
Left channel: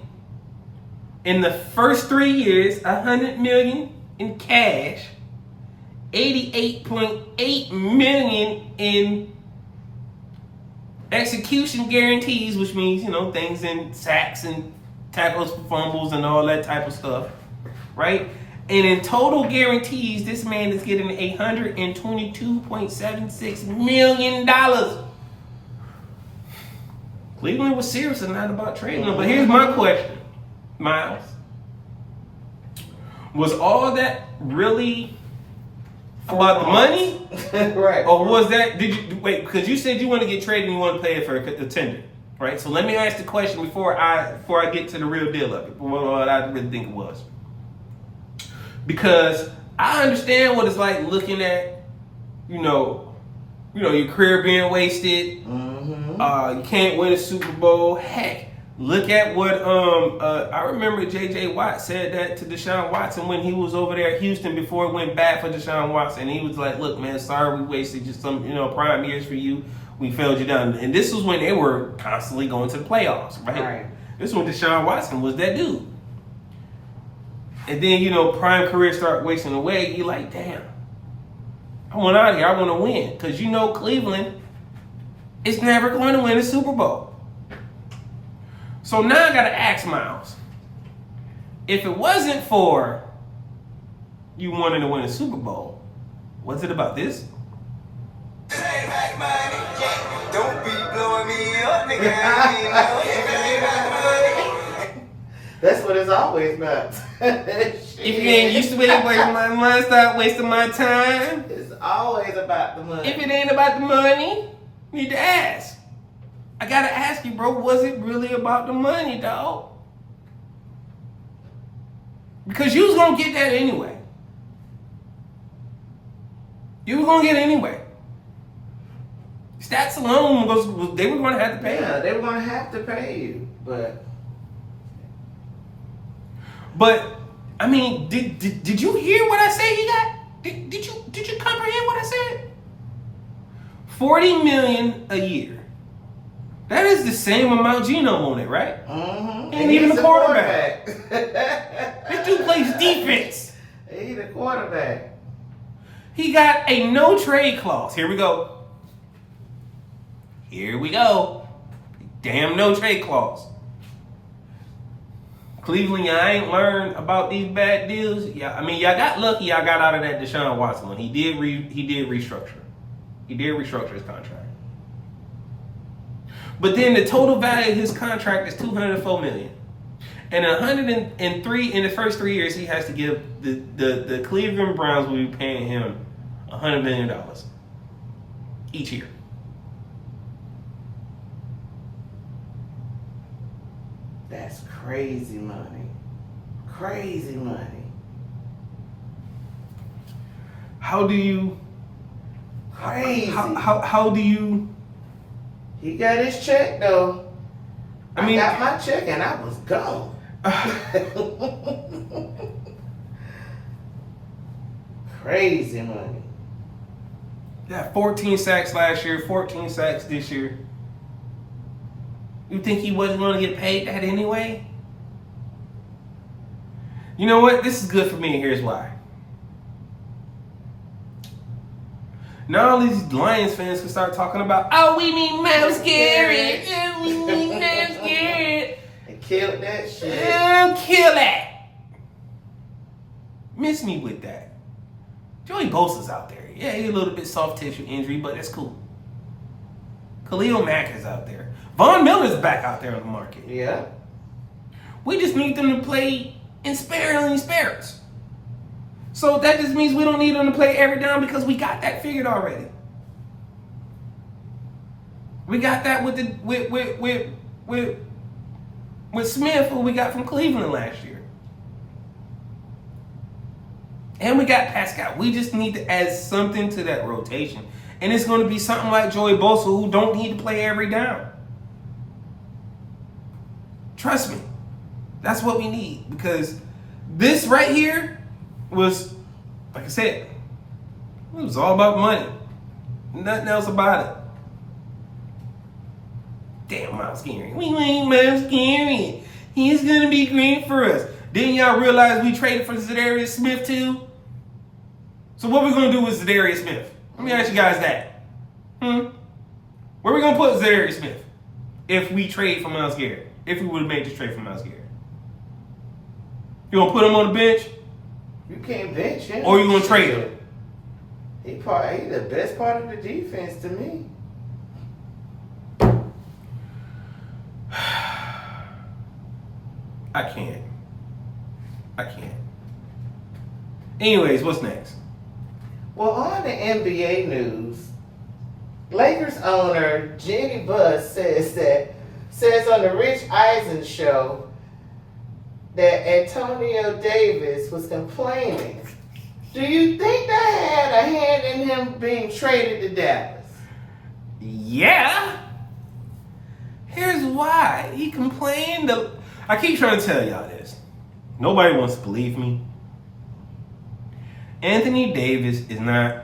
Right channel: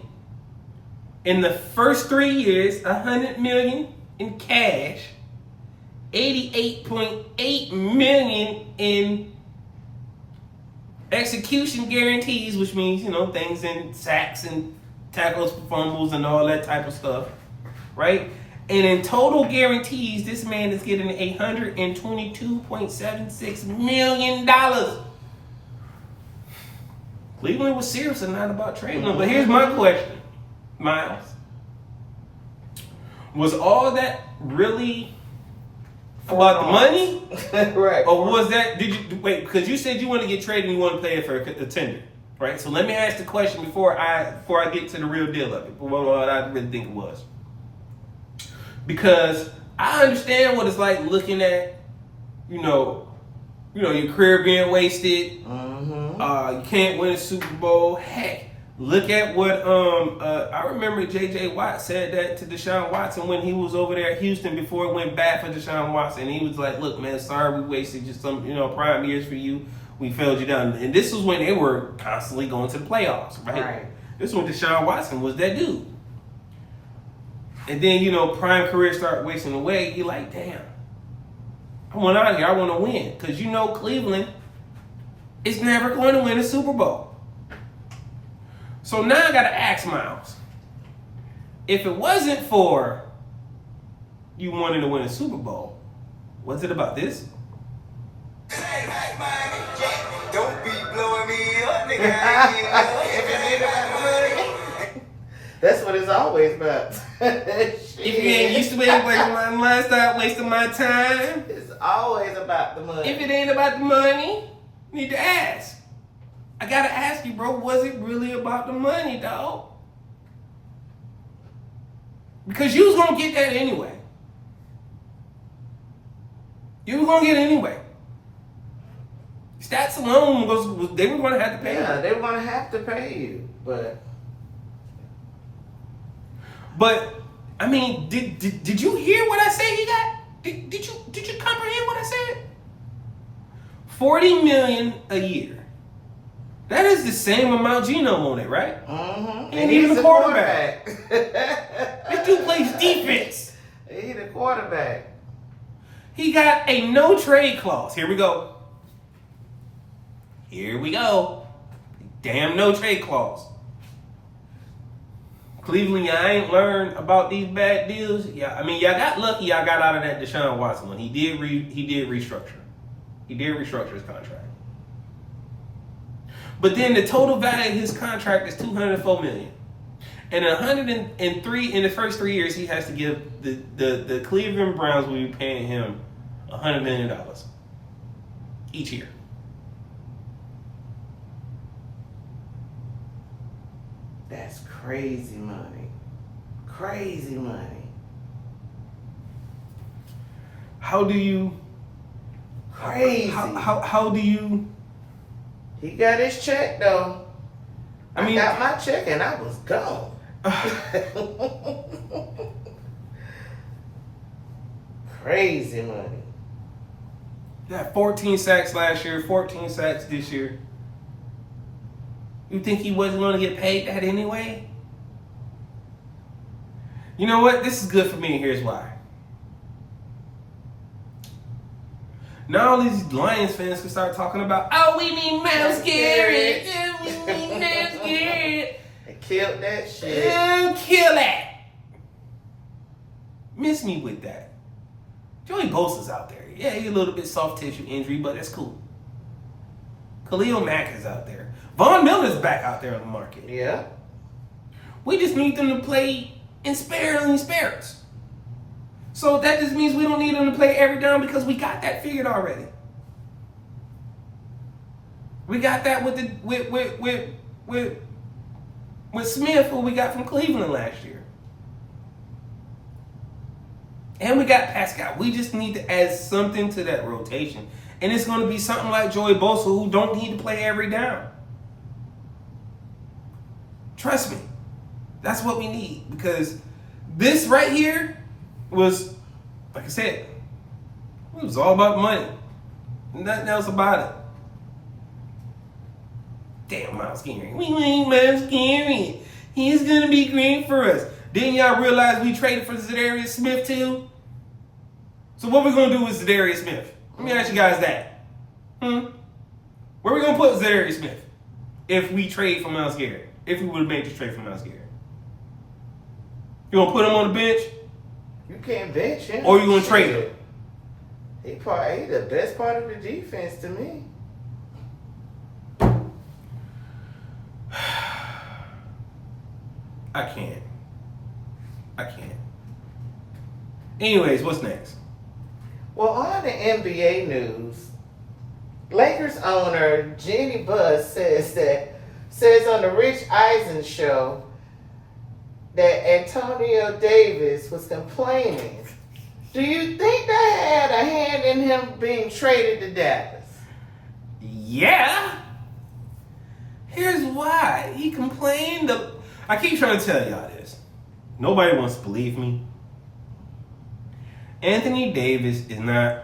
in the first 3 years, $100 million in cash, $88.8 million in execution guarantees, which means, things in sacks and tackles for fumbles and all that type of stuff, right? And in total guarantees, this man is getting $122.76 million. Cleveland was serious and not about trading him. But here's my question, Miles. Was all that really about the money? Right. Or was that, because you said you want to get traded and you want to pay it for a tender, right? So let me ask the question before I get to the real deal of it, what I really think it was. Because I understand what it's like looking at, your career being wasted. You can't win a Super Bowl. Heck, look at what I remember J.J. Watt said that to Deshaun Watson when he was over there at Houston before it went bad for Deshaun Watson. He was like, "Look, man, sorry we wasted just some prime years for you. We failed you down." And this was when they were constantly going to the playoffs, right? This was when Deshaun Watson was that dude. And then, prime career start wasting away. You're like, damn, I want out of here. I want to win. Because Cleveland is never going to win a Super Bowl. So now I gotta ask Miles, if it wasn't for you wanting to win a Super Bowl, was it about this? Don't be blowing me up, nigga. That's what it's always about. If you ain't used to it, wasting my money, stop wasting my time. It's always about the money. If it ain't about the money, you need to ask. I gotta ask you, bro, was it really about the money, dog? Because you was gonna get that anyway. You was gonna get it anyway. Stats alone, they were gonna have to pay you. Yeah, they were gonna have to pay you, But I mean, did you hear what I said he got? Did you comprehend what I said? $40 million a year. That is the same amount Geno wanted, right? Mm-hmm. Ain't even a quarterback. This dude plays defense. He's a quarterback. He got a no trade clause. Here we go. Here we go. Damn no trade clause. Cleveland, y'all ain't learned about these bad deals. Yeah, I mean, y'all got lucky. Y'all got out of that Deshaun Watson one. He did restructure. He did restructure his contract. But then the total value of his contract is $204 million, and 103 in the first 3 years he has to give the Cleveland Browns will be paying him $100 million each year. That's crazy money. Crazy money. How do you? Crazy. How do you? He got his check though. I mean, got my check and I was gone. Crazy money. Yeah, 14 sacks last year, 14 sacks this year. You think he wasn't going to get paid that anyway? You know what? This is good for me, and here's why. Now all these Lions fans can start talking about, oh, we need Myles Garrett. Oh, we need Myles Garrett. They killed that shit. Kill that. Miss me with that. Joey Bosa's out there. Yeah, he's a little bit soft tissue injury, but that's cool. Khalil Mack is out there. Von Miller's back out there on the market. Yeah. We just need them to play in spurts. So that just means we don't need them to play every down because we got that figured already. We got that with Smith, who we got from Cleveland last year. And we got Pascal. We just need to add something to that rotation. And it's going to be something like Joey Bosa, who don't need to play every down. Trust me. That's what we need. Because this right here was, like I said, it was all about money. Nothing else about it. Damn, Myles Garrett. We ain't Myles Garrett. He's going to be great for us. Didn't y'all realize we traded for Zadarius Smith too? So what we going to do with Zadarius Smith? Let me ask you guys that. Where we going to put Zadarius Smith if we trade for Myles Garrett? If we would have made this trade for Myles Garrett? You going to put him on the bench? You can't bench him. Or you going to trade him? He the best part of the defense to me. I can't. Anyways, what's next? Well, on the NBA news, Lakers owner Jenny Buss says on the Rich Eisen show that AnthonyDavis was complaining. Do you think that had a hand in him being traded to Dallas? Yeah. Here's why. He complained. I keep trying to tell y'all this. Nobody wants to believe me. AnthonyDavis is not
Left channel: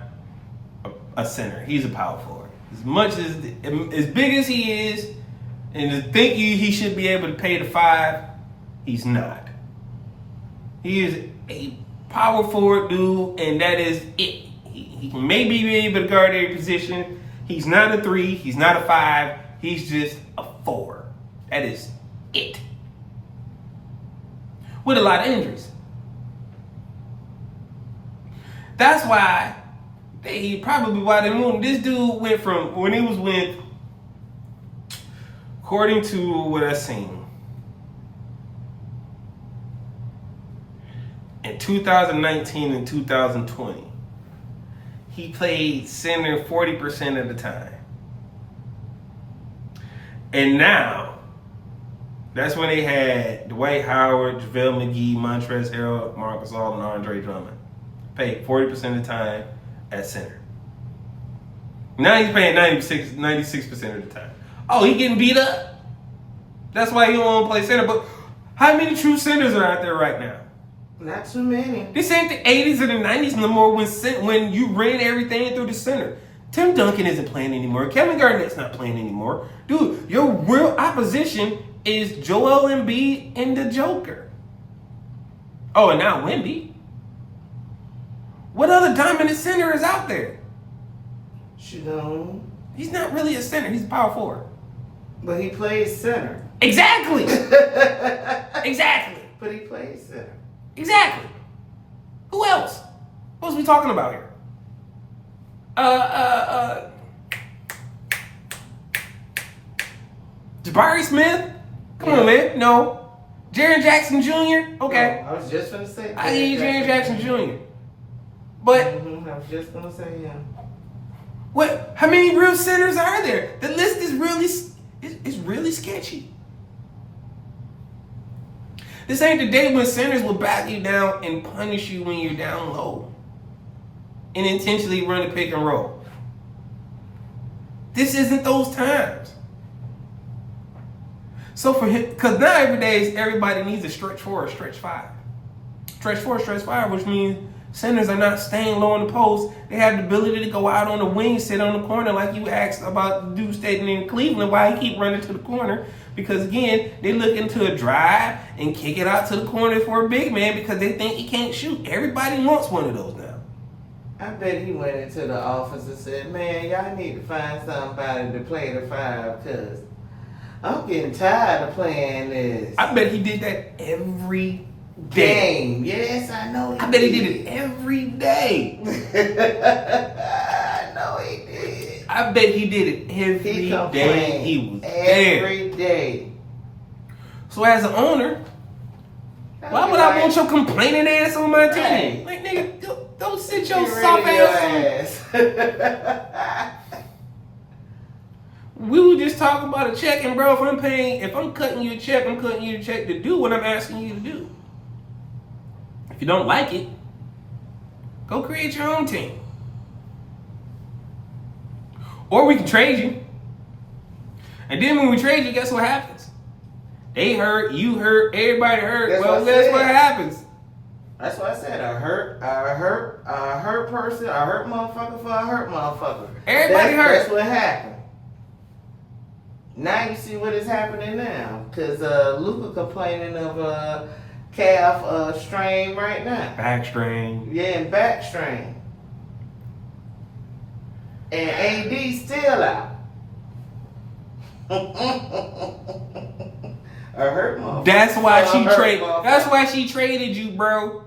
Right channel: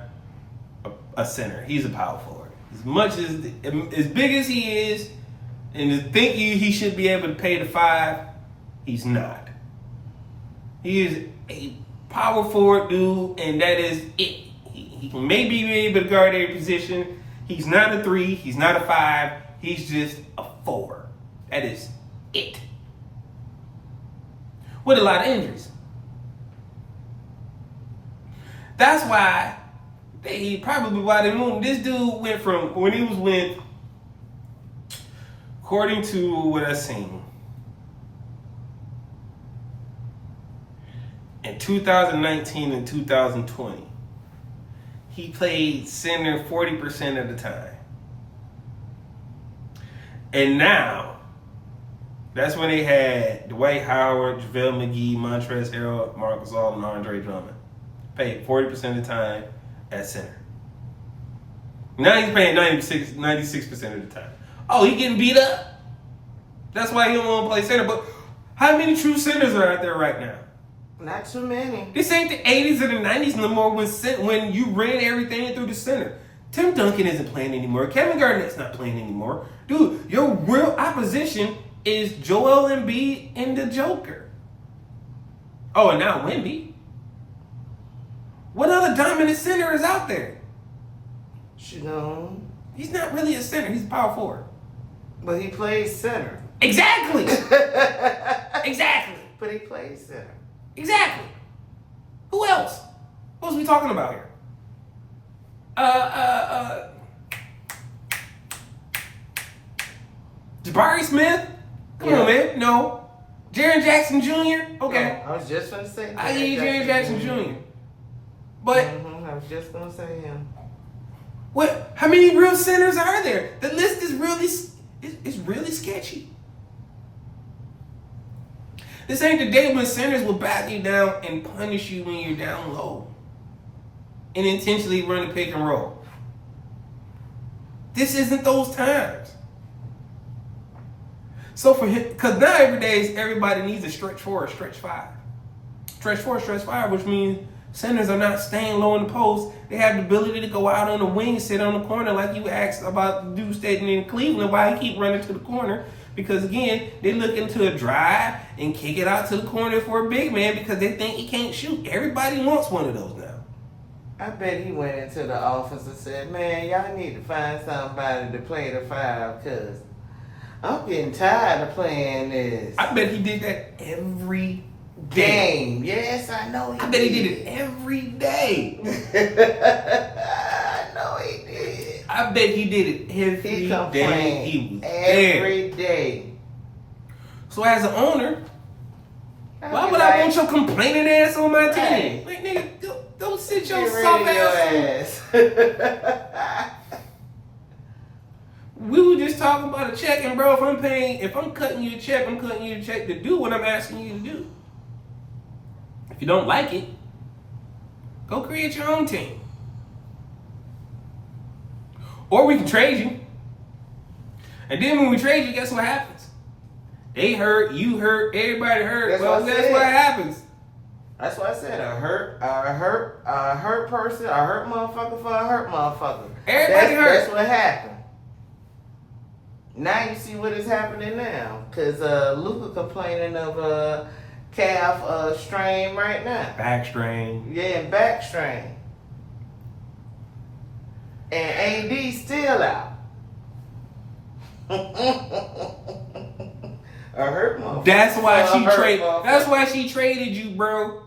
a center. He's a power forward. As big as he is, and to think he should be able to pay the 5, he's not. He is a power forward dude, and that is it. He can maybe be able to guard every position. He's not a 3. He's not a 5. He's just a 4. That is it. With a lot of injuries. That's why they probably why they moved. This dude went from when he was with, according to what I've seen, in 2019 and 2020, he played center 40% of the time. And now, that's when they had Dwight Howard, JaVale McGee, Montrezl Harrell, Marcus Gasol, and Andre Drummond. Paid 40% of the time at center. Now he's paying 96% of the time. Oh, he getting beat up? That's why he don't want to play center. But how many true centers are out there right now? Not too many. This ain't the 80s or the 90s no more when you ran everything through the center. Tim Duncan isn't playing anymore. Kevin Garnett's not playing anymore. Dude, your real opposition is Joel Embiid and the Joker. Oh, and now Wemby. What other dominant center is out there? He's not really a center. He's a power forward. But he plays center. Exactly. Exactly. But he plays center. Exactly. Who else? What was we talking about here? Jabari Smith? Come on, man. No. Jaren Jackson Jr.? Okay. I was just going to say. I need Jaren Jackson Jr. But I was just going to say him. What? How many real centers are there? The list is really sketchy. This ain't the day when centers will back you down and punish you when you're down low and intentionally run a pick and roll. This isn't those times. So for him, because now everybody needs a stretch 4 or stretch 5. Stretch 4, stretch 5, which means centers are not staying low in the post. They have the ability to go out on the wing, sit on the corner, like you asked about the dude standing in Cleveland, why he keep running to the corner. Because again, they looking to a drive and kick it out to the corner for a big man because they think he can't shoot. Everybody wants one of those now. I bet he went into the office and said, man, y'all need to find somebody to play the 5 because I'm getting tired of playing this. I bet he did that every day. Game. Yes, I know he I bet he did it every day. I know he did. I bet he did it every day he was there. Every day. So as an owner, why would I want your complaining ass on my team? Like, nigga, go sit your soft ass on. We were just talking about a check, and bro, if I'm cutting you a check, I'm cutting you a check to do what I'm asking you to do. If you don't like it, go create your own team. Or we can trade you. And then when we trade you, guess what happens? They hurt, you hurt, everybody hurt. That's what happens. That's why I said a hurt person, a hurt motherfucker for a hurt motherfucker. Everybody hurt. That's what happened. Now you see what is happening now. Because Luka complaining of calf strain right now. Back strain. Yeah, and back strain. And AD still out. A hurt motherfucker. That's why she traded you, bro.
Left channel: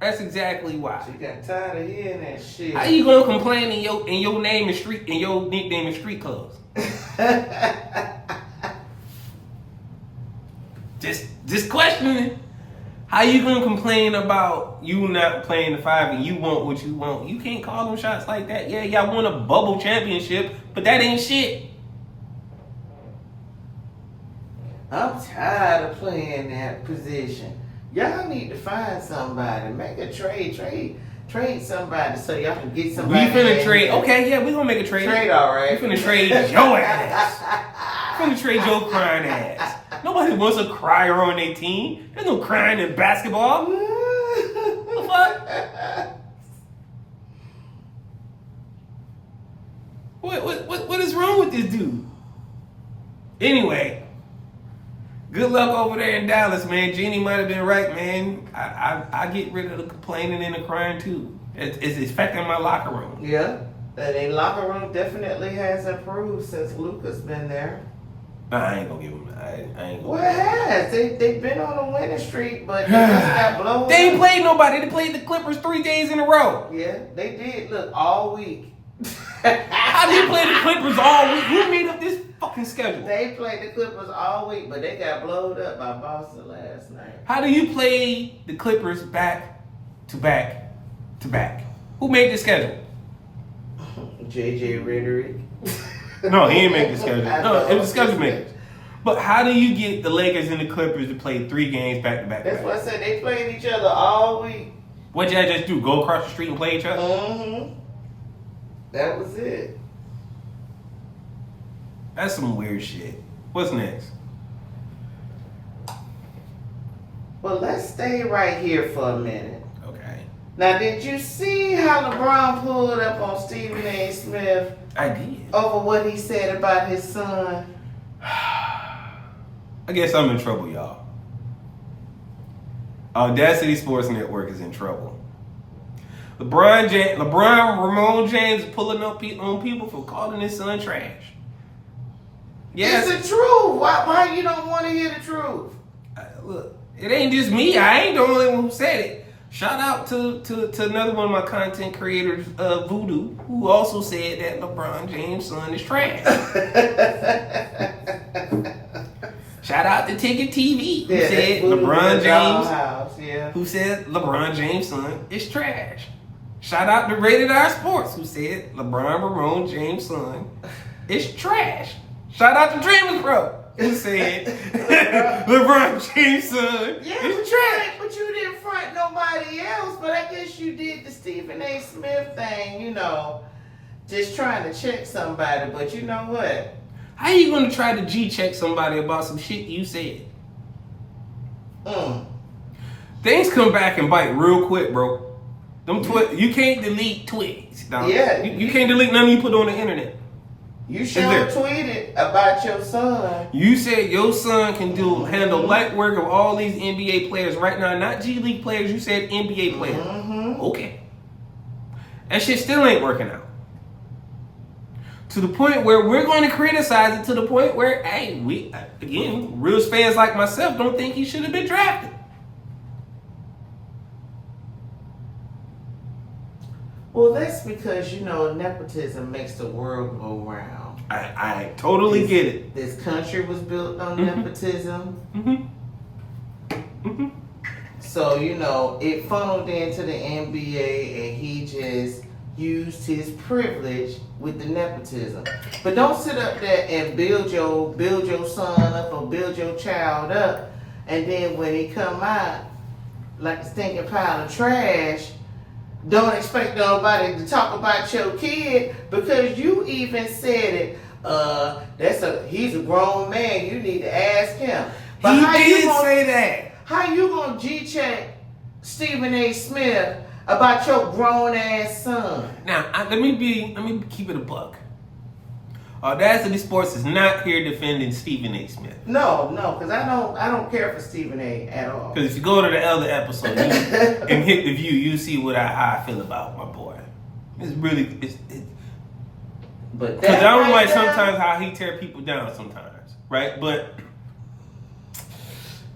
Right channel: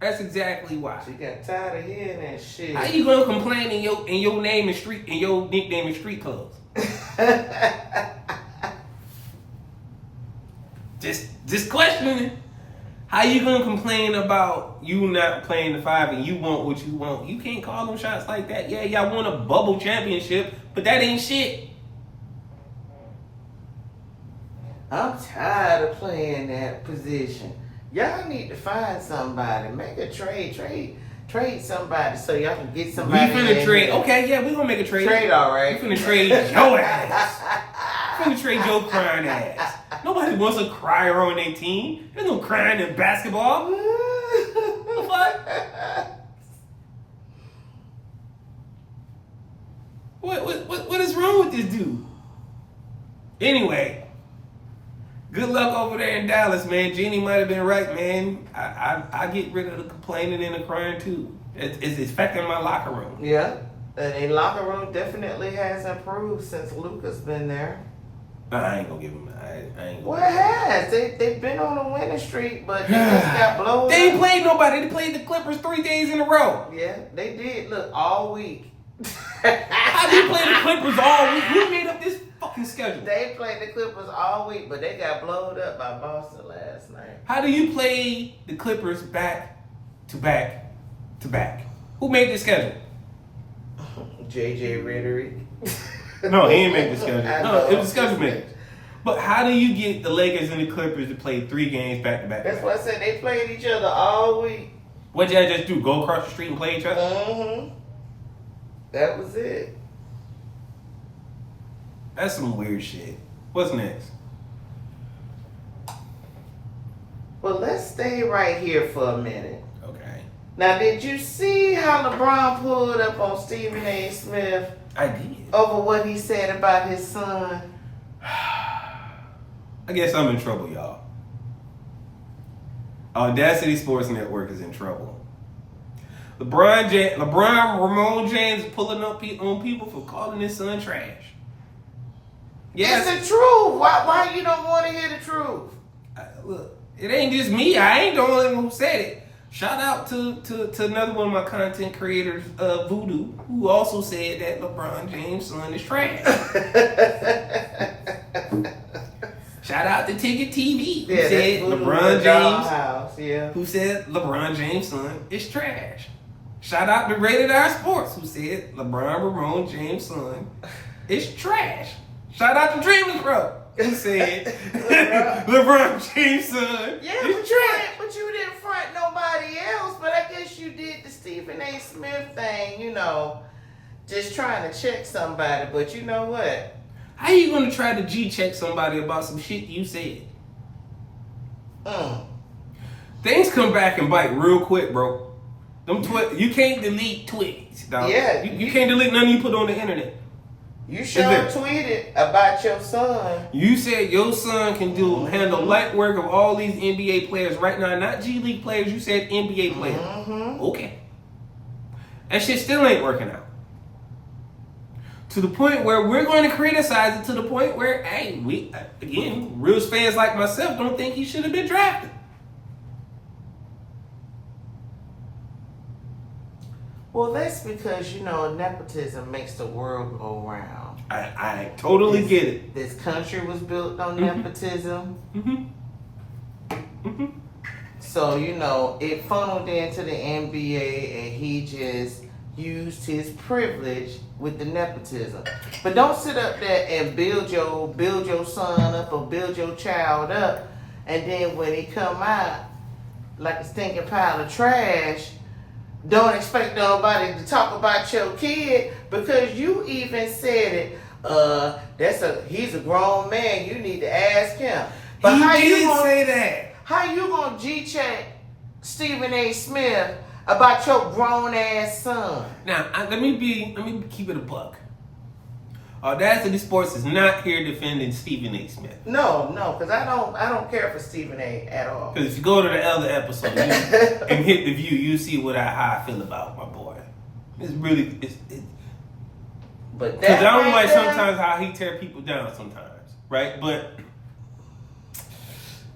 That's exactly why. She got tired of hearing that shit. How you gonna complain in your name and street and your nickname in street clothes? just questioning. How you gonna complain about you not playing the 5 and you want what you want? You can't call them shots like that. Yeah, y'all won a bubble championship, but that ain't shit. I'm tired of playing that position. Y'all need to find somebody. Make a trade somebody so y'all can get somebody. We finna trade. Okay, yeah, we gonna make a trade. Trade, all right. We finna trade your ass. We finna trade your crying ass. Nobody wants a crier on their team. There's no crying in basketball. The fuck? What is wrong with this dude? Anyway, good luck over there in Dallas, man. Jeannie might have been right, man. I get rid of the complaining and the crying too. It's affecting my locker room. Yeah, and the locker room definitely has improved since Luka's been there. I ain't gonna give them. I ain't Well, gonna. it has. They've been on a winning streak, but they just got blown. They ain't played nobody. They played the Clippers 3 days in a row. Yeah, they did. Look, all week. How do you play the Clippers all week? Who made up this fucking schedule? They played the Clippers all week, but they got blowed up by Boston last night. How do you play the Clippers back to back to back? Who made the schedule? JJ Rhetoric. No, he ain't make the schedule. No, it was the schedule maker. But how do you get the Lakers and the Clippers to play 3 games back to back? That's what I said. They played each other all week. What'd y'all just do? Go across the street and play each other? Mm-hmm. That was it. That's some weird shit. What's next? Well, let's stay right here for a minute. Okay. Now, did you see how LeBron pulled up on Stephen A. Smith I did. over what he said about his son? I guess I'm in trouble, y'all. AwwDacity Sports Network is in trouble. Ramon James is pulling up on people for calling his son trash. Yes. It's the truth. Why you don't want to hear the truth? Look, it ain't just me. I ain't the only one who said it. Shout out to another one of my content creators, Voodoo, who also said that LeBron James' son is trash. Shout out to Ticket TV, who said LeBron James, who said LeBron James' son is trash. Shout out to j2DaR Sports, who said Ramon James' son is trash. Shout out to Dreamers Bro, who said LeBron James' son is trash. But you didn't front nobody else. But I guess you did the Stephen A. Smith thing, just trying to check somebody. But you know what? How you gonna try to G-check somebody about some shit you said? Things come back and bite real quick, bro. You can't delete tweets, dog. Yeah. You can't delete nothing you put on the internet. You sure tweeted about your son. You said your son can handle light work of all these NBA players right now, not G League players. You said NBA players. Mm-hmm. Okay. That shit still ain't working out. To the point where we're going to criticize it to the point where, hey, real fans like myself don't think he should have been drafted. Well, that's because, nepotism makes the world go round. I totally get it. This country was built on nepotism. So, it funneled into the NBA and he just used his privilege with the nepotism. But don't sit up there and build your son up or build your child up, and then when he come out like a stinking pile of trash, don't expect nobody to talk about your kid because you even said it. He's a grown man. You need to ask him. But he did say that. How you gonna G-check Stephen A. Smith about your grown ass son? Now, let me keep it a buck. AwwDacity Sports is not here defending Stephen A. Smith. No, because I don't care for Stephen A. at all. Because if you go to the other episode and hit the view, you see how I feel about my boy. It's really because I don't like sometimes how he tear people down sometimes, right? But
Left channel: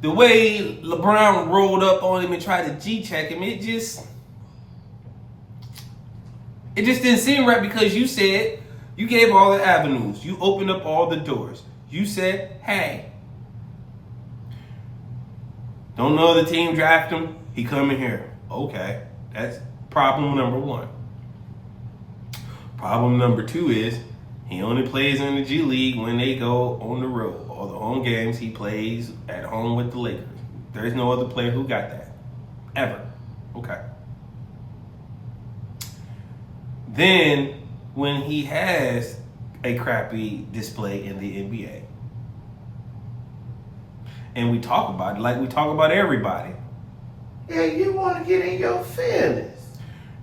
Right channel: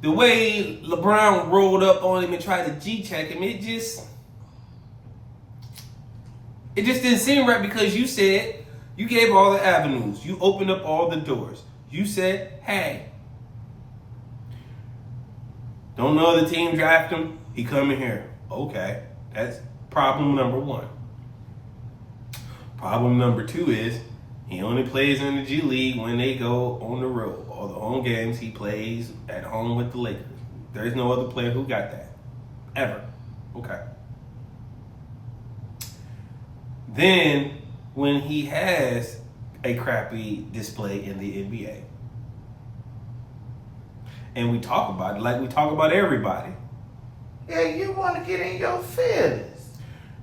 the way LeBron rolled up on him and tried to G-check him, it just didn't seem right because you said. You gave all the avenues. You opened up all the doors. You said, hey, don't know the team draft him. He coming here. Okay, that's problem number 1. Problem number 2 is he only plays in the G League when they go on the road. All the home games he plays at home with the Lakers. There's no other player who got that. Ever. Okay. Then when he has a crappy display in the NBA. And we talk about it like we talk about everybody. Yeah, you want to get in your feelings.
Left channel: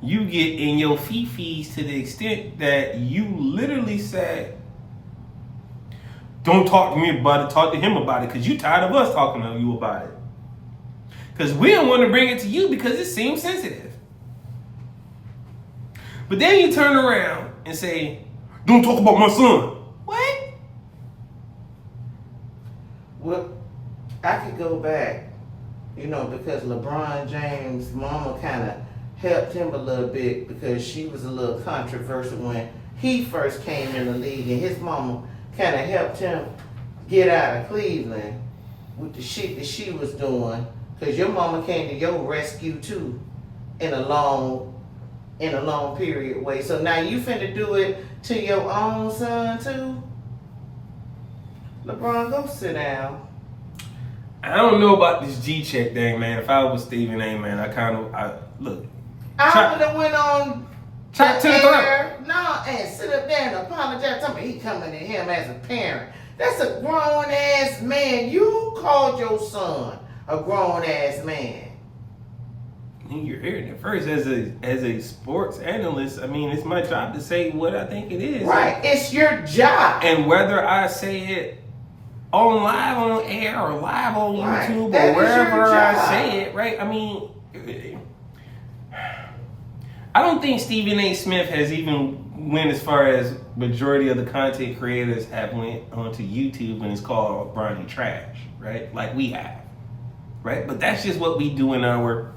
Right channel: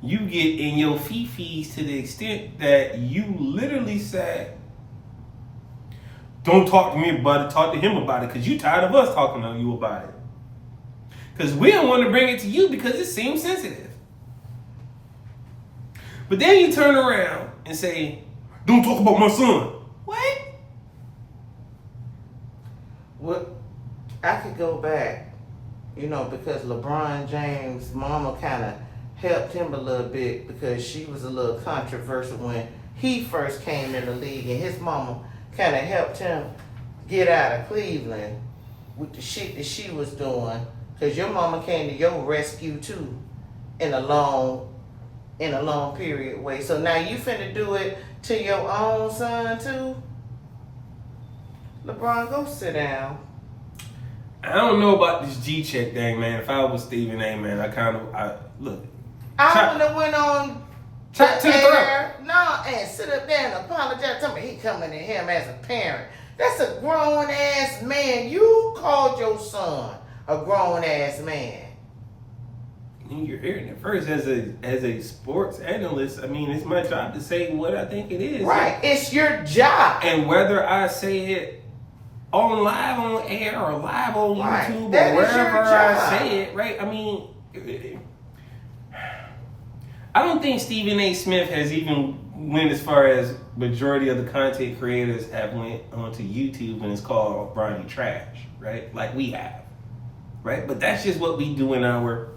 You get in your fifis to the extent that you literally said, don't talk to me about it, talk to him about it, because you tired of us talking to you about it. Because we don't want to bring it to you because it seems sensitive. But then you turn around and say, don't talk about my son. What? I could go back, because LeBron James' mama kind of helped him a little bit because she was a little controversial when he first came in the league, and his mama kind of helped him get out of Cleveland with the shit that she was doing, because your mama came to your rescue too in a long period way. So now you finna do it to your own son too? LeBron, go sit down. I don't know about this G-check thing, man. If I was Stephen A, man, look. I would have went on chop to the throat. No, and sit up there and apologize. Tell me he coming to him as a parent. That's a grown ass man. You called your son a grown ass man. You're hearing it first as a sports analyst. I mean, it's my job to say what I think it is. Right, it's your job. And whether I say it live on air or live on YouTube or wherever I say it, right? I mean, I don't think Stephen A. Smith has even went as far as majority of the content creators have went onto YouTube and it's called Bronny Trash, right? Like we have, right? But that's just what we do in our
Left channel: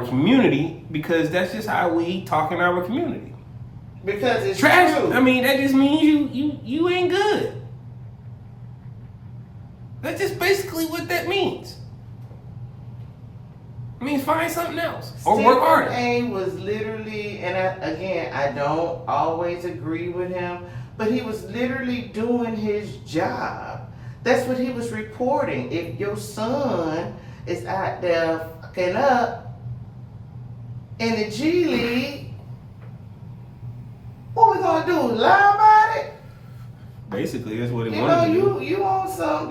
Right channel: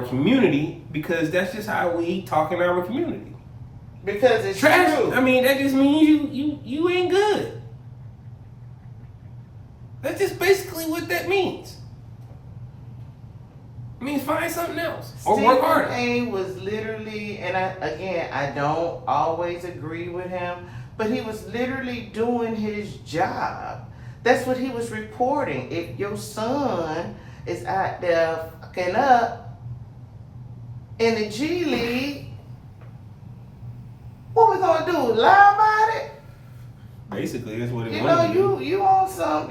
community, because that's just how we talk in our community. Because it's trash. True. I mean, that just means you ain't good. That's just basically what that means. I mean, find something else or work harder. Stephen A was literally, and I don't always agree with him, but he was literally doing his job. That's what he was reporting. If your son is out there fucking up in the G League, what we gonna do? Lie about it? Basically, that's what he wanted to do. You want some,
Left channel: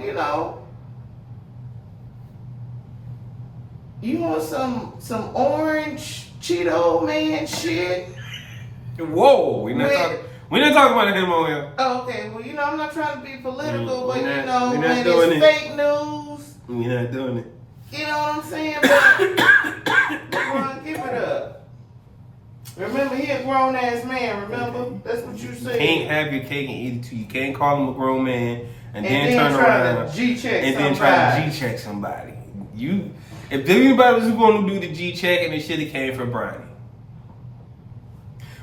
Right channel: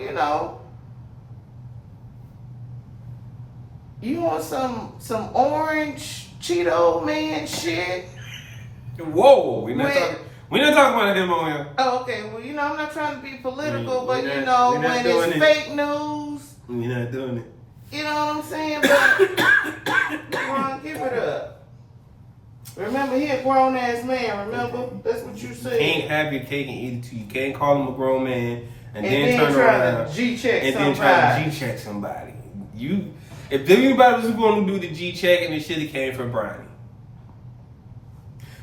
you want some orange Cheeto man shit? Whoa, we're not talking about him on here. Oh, okay. Well, I'm not trying to be political, but when it's fake news. We're not doing it. You know what I'm saying? LeBron, give it up. Remember, he a grown ass man. Remember, that's what you said. You can't have your cake and eat it too. You can't call him a grown man and then turn around and try to G-check somebody. If anybody was going to do the G-check, it should have came from Bronny.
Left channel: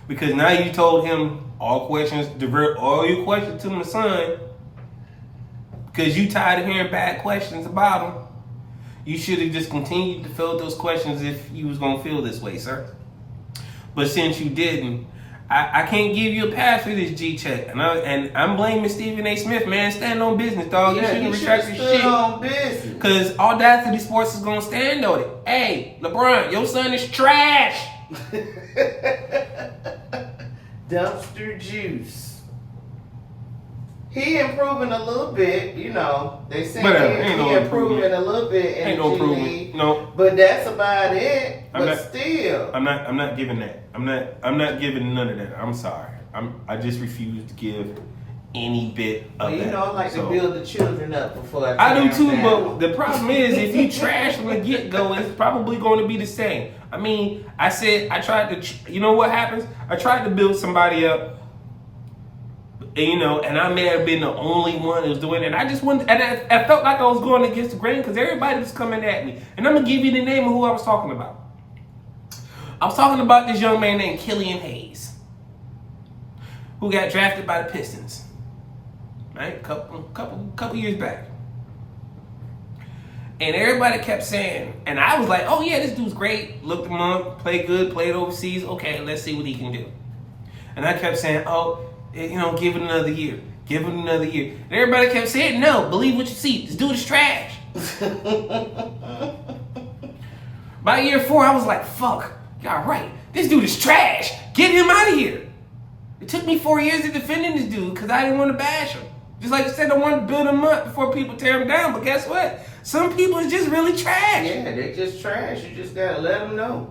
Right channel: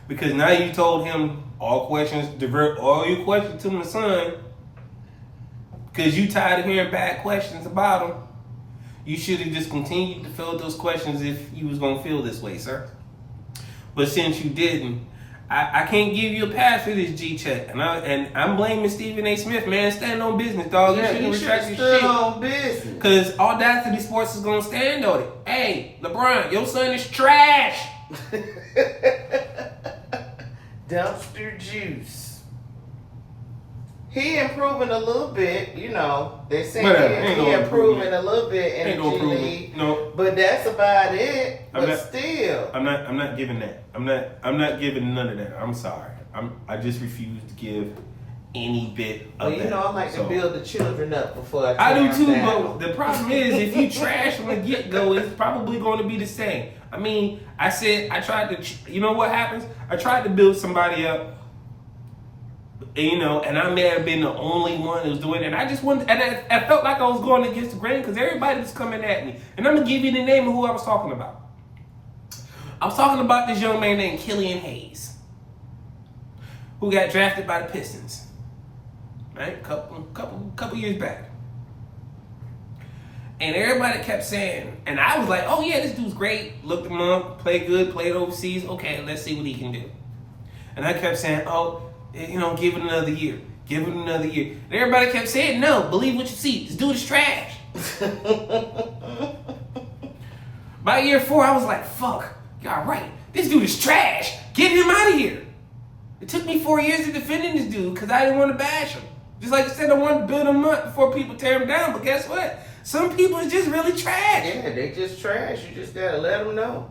Because now you told him divert all your questions to my son, because you tired of hearing bad questions about him. You should have just continued to fill those questions if you was going to feel this way, sir. But since you didn't, I can't give you a pass for this G-check. And I'm blaming Stephen A. Smith, man. Stand on business, dog. You shouldn't retract your shit. On business. Because AwwDacity Sports is going to stand on it. Hey, LeBron, your son is trash. Dumpster juice. He improving a little bit, They say he improving a little bit in the G League. No. But that's about it. Still. I'm not giving that. I'm not giving none of that. I'm sorry. I just refuse to give any bit of that. I like to build the children up before I do too, but the problem is if you trash from the get-go, it's probably going to be the same. I mean, I tried to, you know what happens? I tried to build somebody up, and I may have been the only one who was doing it. And I just wanted, and I felt like I was going against the grain because everybody was coming at me. And I'm going to give you the name of who I was talking about. I was talking about this young man named Killian Hayes, who got drafted by the Pistons, right? Couple years back. And everybody kept saying, and I was like, oh yeah, this dude's great. Looked him up, played good, played overseas. Okay, let's see what he can do. And I kept saying, give it another year. Give it another year. And everybody kept saying, no, believe what you see. This dude is trash. By year 4, I was like, fuck, y'all right. This dude is trash. Get him out of here. It took me 4 years of defending this dude because I didn't want to bash him. Just like I said, I wanted to build him up before people tear him down. But guess what? Some people is just really trash. Yeah, they just trash. You just got to let them know.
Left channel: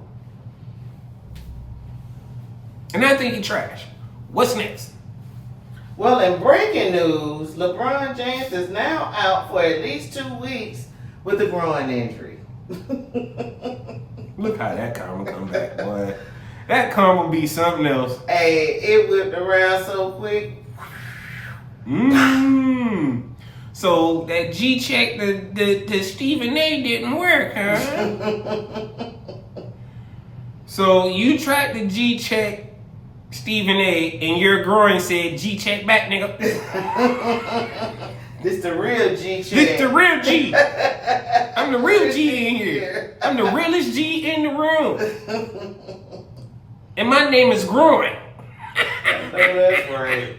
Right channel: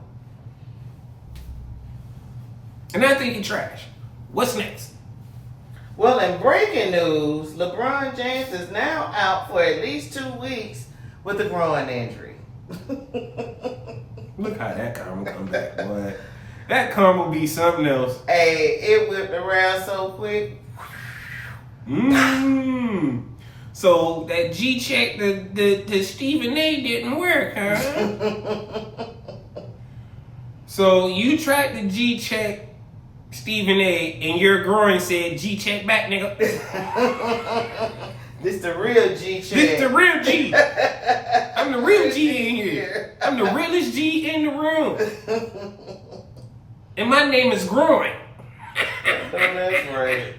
And I think he's trash. What's next? Well, in breaking news, LeBron James is now out for at least 2 weeks with a groin injury. Look how that karma come back, boy. That karma be something else. Hey, it whipped around so quick. So that G check the Stephen A didn't work, huh? So you tried the G check Stephen A and your groin said G check back, nigga. This the real G check. This the real G. I'm the real G in here. I'm the realest G in the room. And my name is Groin. That's right.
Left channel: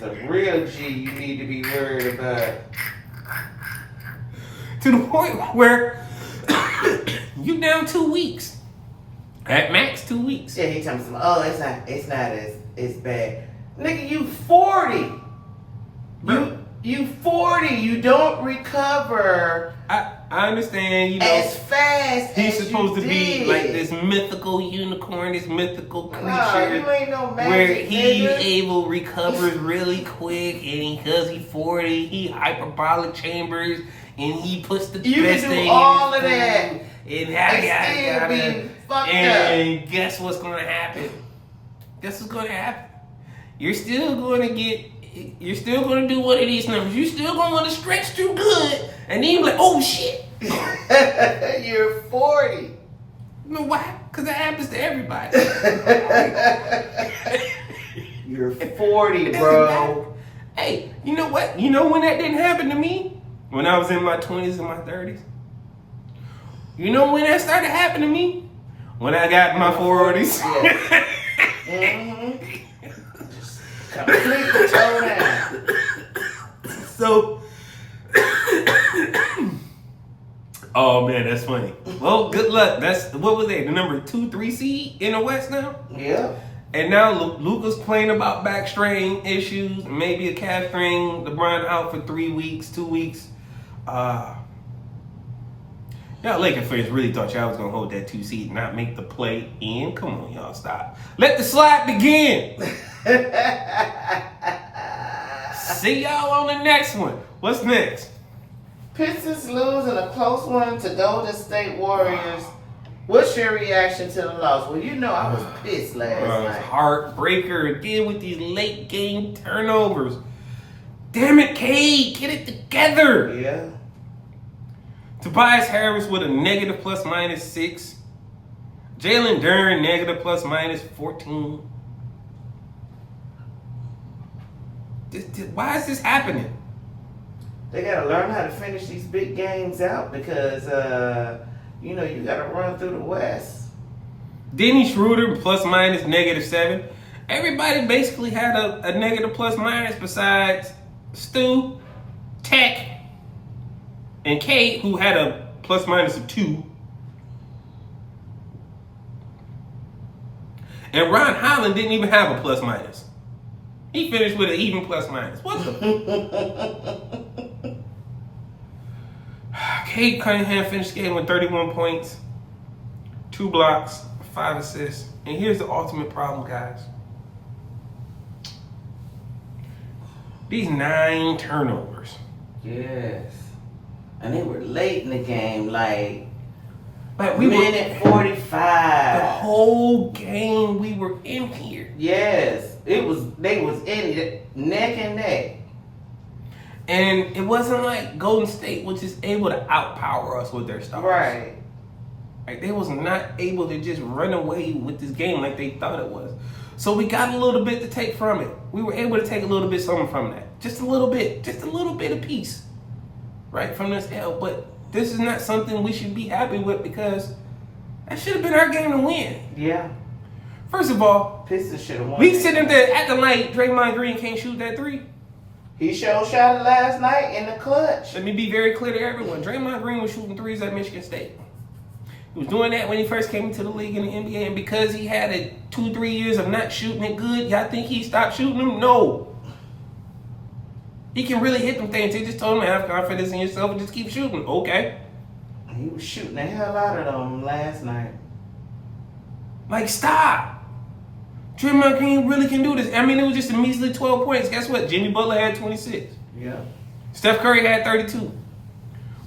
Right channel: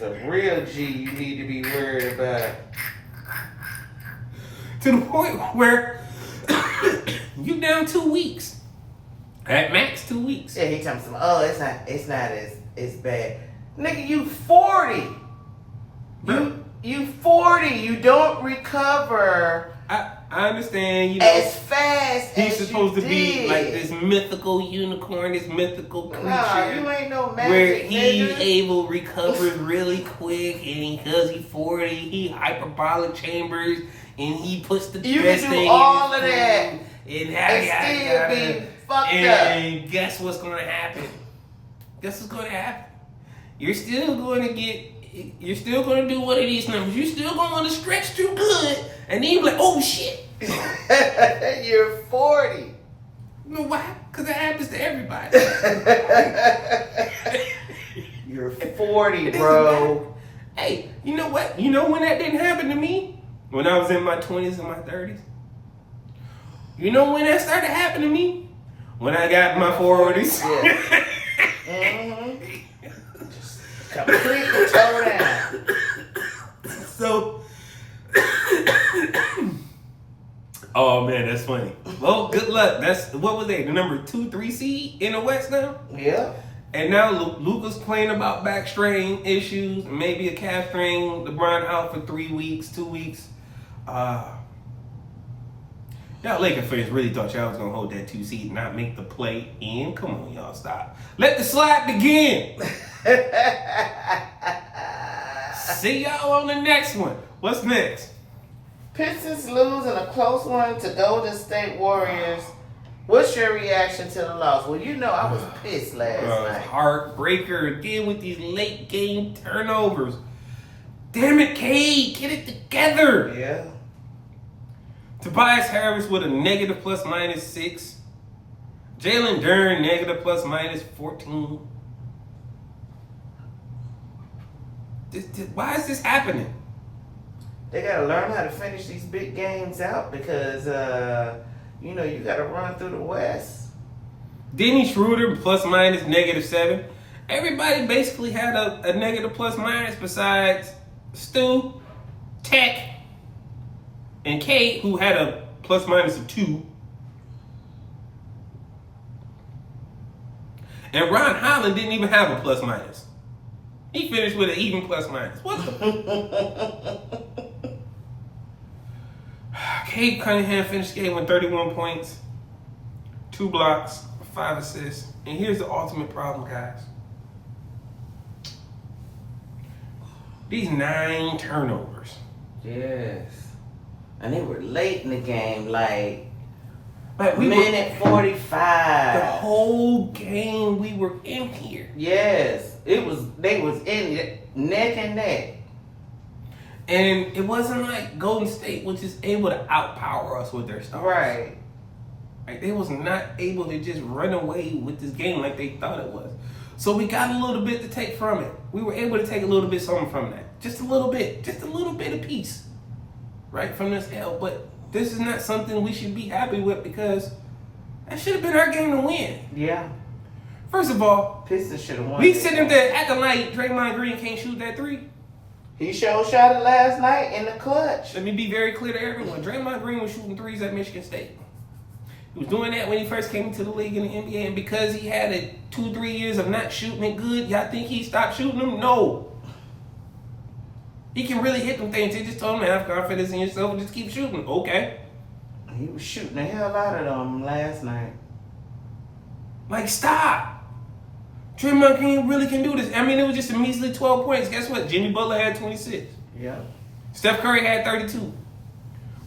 The real G you need to be worried about. To the point where you down 2 weeks. At max 2 weeks. Yeah, he tells me, oh, it's not as bad. Nigga, you 40. You 40. You don't recover. I understand, you know. As fast he's as supposed you to be did. like this mythical unicorn, this mythical creature. Nah, you ain't no magic, where he nigga. recovers really quick, and because he's 40, he hyperbolic chambers, and he puts the You best can do thing all in of his that food, and yada yada still be yada. fucked And guess what's gonna happen? Guess what's gonna happen? You're still gonna do one of these numbers. You're still gonna want to stretch too good, and then you're like, oh shit. You're 40. You know why? Because that happens to everybody. You're 40, It doesn't bro. matter. Hey, you know what? You know when that didn't happen to me? When I was in my 20s and my 30s. You know when that started happening to me? When I got in my 40s. Yeah. Completely toe down. So, oh man, that's funny. Well, good luck. That's what was they? The number 2-3 seed in the West now. Yeah. And now Luka's complaining about back strain issues, maybe a calf strain. LeBron out for 3 weeks, 2 weeks. Y'all Lakers fans really thought y'all was gonna hold that 2 seed and not make the play in. Come on, y'all, stop. Let the slide begin. See y'all on the next one. What's next? Pistons losing a close one to Golden State Warriors. What's your reaction to the loss? Well, you know I was pissed last night. Heartbreaker again with these late game turnovers. Damn it, Cade, get it together. Yeah. Tobias Harris with a negative ±6. Jalen Duren negative ±14. Why is this happening? They gotta learn how to finish these big games out because you know you gotta run through the West. Denny Schroeder ±7. Everybody basically had a negative ± besides Stu, Tech, and Kate, who had a ± of 2. And Ron Holland didn't even have a ±. He finished with an even ±. What the? Cade Cunningham finished the game with 31 points, 2 blocks, 5 assists. And here's the ultimate problem, guys. These 9 turnovers. Yes. And they were late in the game, like we minute 45. The whole game we were in here. Yes. They was in it neck and neck. And it wasn't like Golden State was just able to outpower us with their stars. Right. Like they was not able to just run away with this game like they thought it was. So we got a little bit to take from it. We were able to take a little bit something from that. Just a little bit of peace. Right, from this L. But this is not something we should be happy with because that should have been our game to win. Yeah. First of all, Pistons should have won. we sitting there acting like Draymond Green can't shoot that 3. He shot it last night in the clutch. Let me be very clear to everyone. Draymond Green was shooting 3s at Michigan State. He was doing that when he first came into the league in the NBA, and because he had 2-3 years of not shooting it good, y'all think he stopped shooting them? No. He can really hit them things. He just told him to have confidence in yourself and just keep shooting. Okay. He was shooting the hell out of them last night. Like, stop. Draymond Green really can do this. I mean, it was just a measly 12 points. Guess what? Jimmy Butler had 26. Yeah. Steph Curry had 32.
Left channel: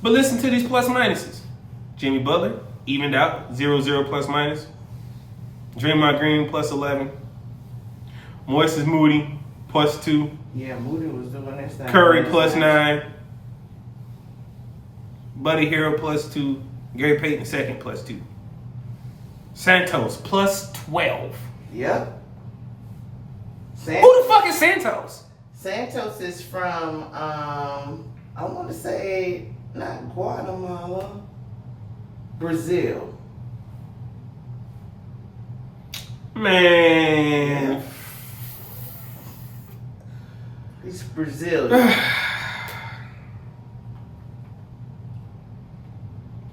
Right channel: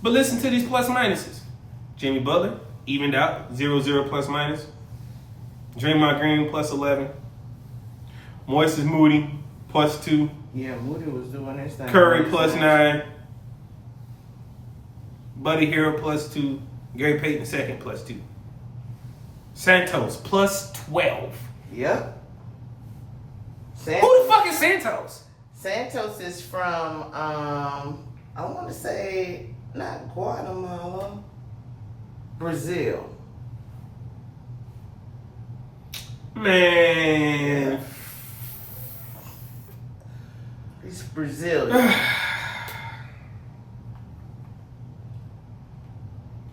But listen to these plus minuses. Jimmy Butler evened out 0-0 plus minus. Draymond Green plus 11. Moises Moody +2. Yeah, Moody was doing his thing. Curry +9. Buddy Hero +2. Gary Payton second +2. Santos +12. Yep. Who the fuck is Santos? Santos is from, I want to say, not Guatemala, Brazil. Man. He's Brazilian.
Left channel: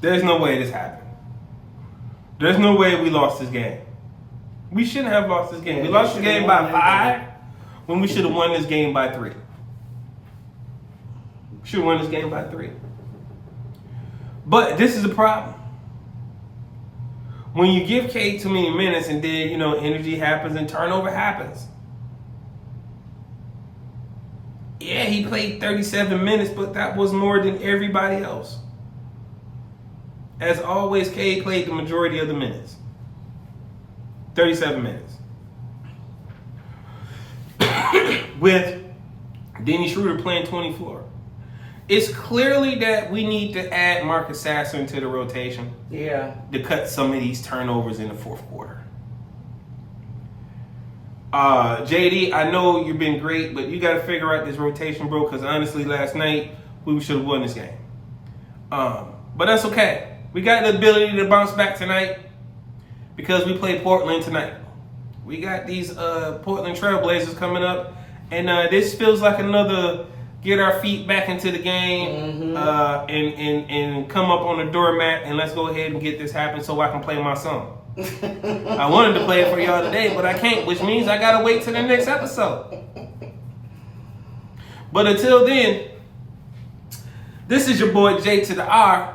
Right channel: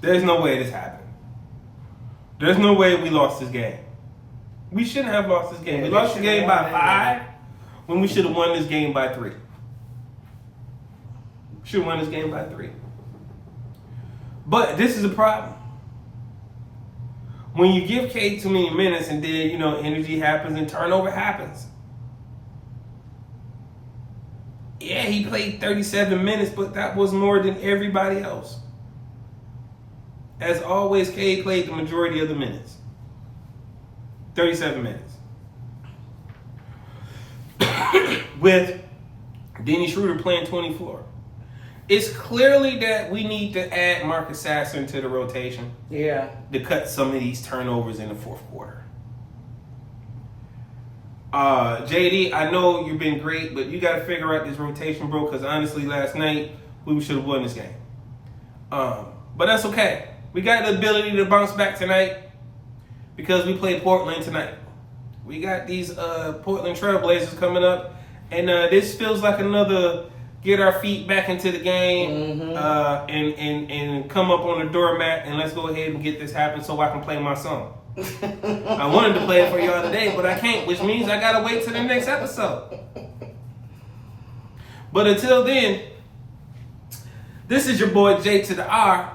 There's no way this happened. There's no way we lost this game. We shouldn't have lost this game. We lost the game by 5 when we should have won this game by 3. Should have won this game by 3. But this is the problem. When you give Cade too many minutes and then, energy happens and turnover happens. Yeah, he played 37 minutes, but that was more than everybody else. As always, Cade played the majority of the minutes. 37 minutes. With Denny Schroeder playing 24. It's clearly that we need to add Marcus Sasser into the rotation. Yeah. To cut some of these turnovers in the fourth quarter. JD, I know you've been great, but you got to figure out this rotation, bro, because honestly, last night, we should have won this game. But that's okay. We got the ability to bounce back tonight because we play Portland tonight. We got these Portland Trailblazers coming up, and this feels like another get our feet back into the game and come up on the doormat and let's go ahead and get this happen so I can play my song. I wanted to play it for y'all today, but I can't, which means I gotta wait till the next episode. But until then, this is your boy J2DaR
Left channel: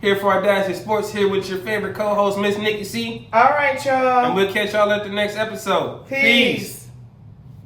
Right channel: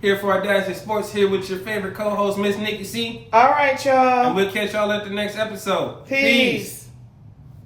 here for AwwDacity Sports, here with your favorite co-host, Miss NikkiC. All right, y'all. And we'll catch y'all at the next episode. Peace.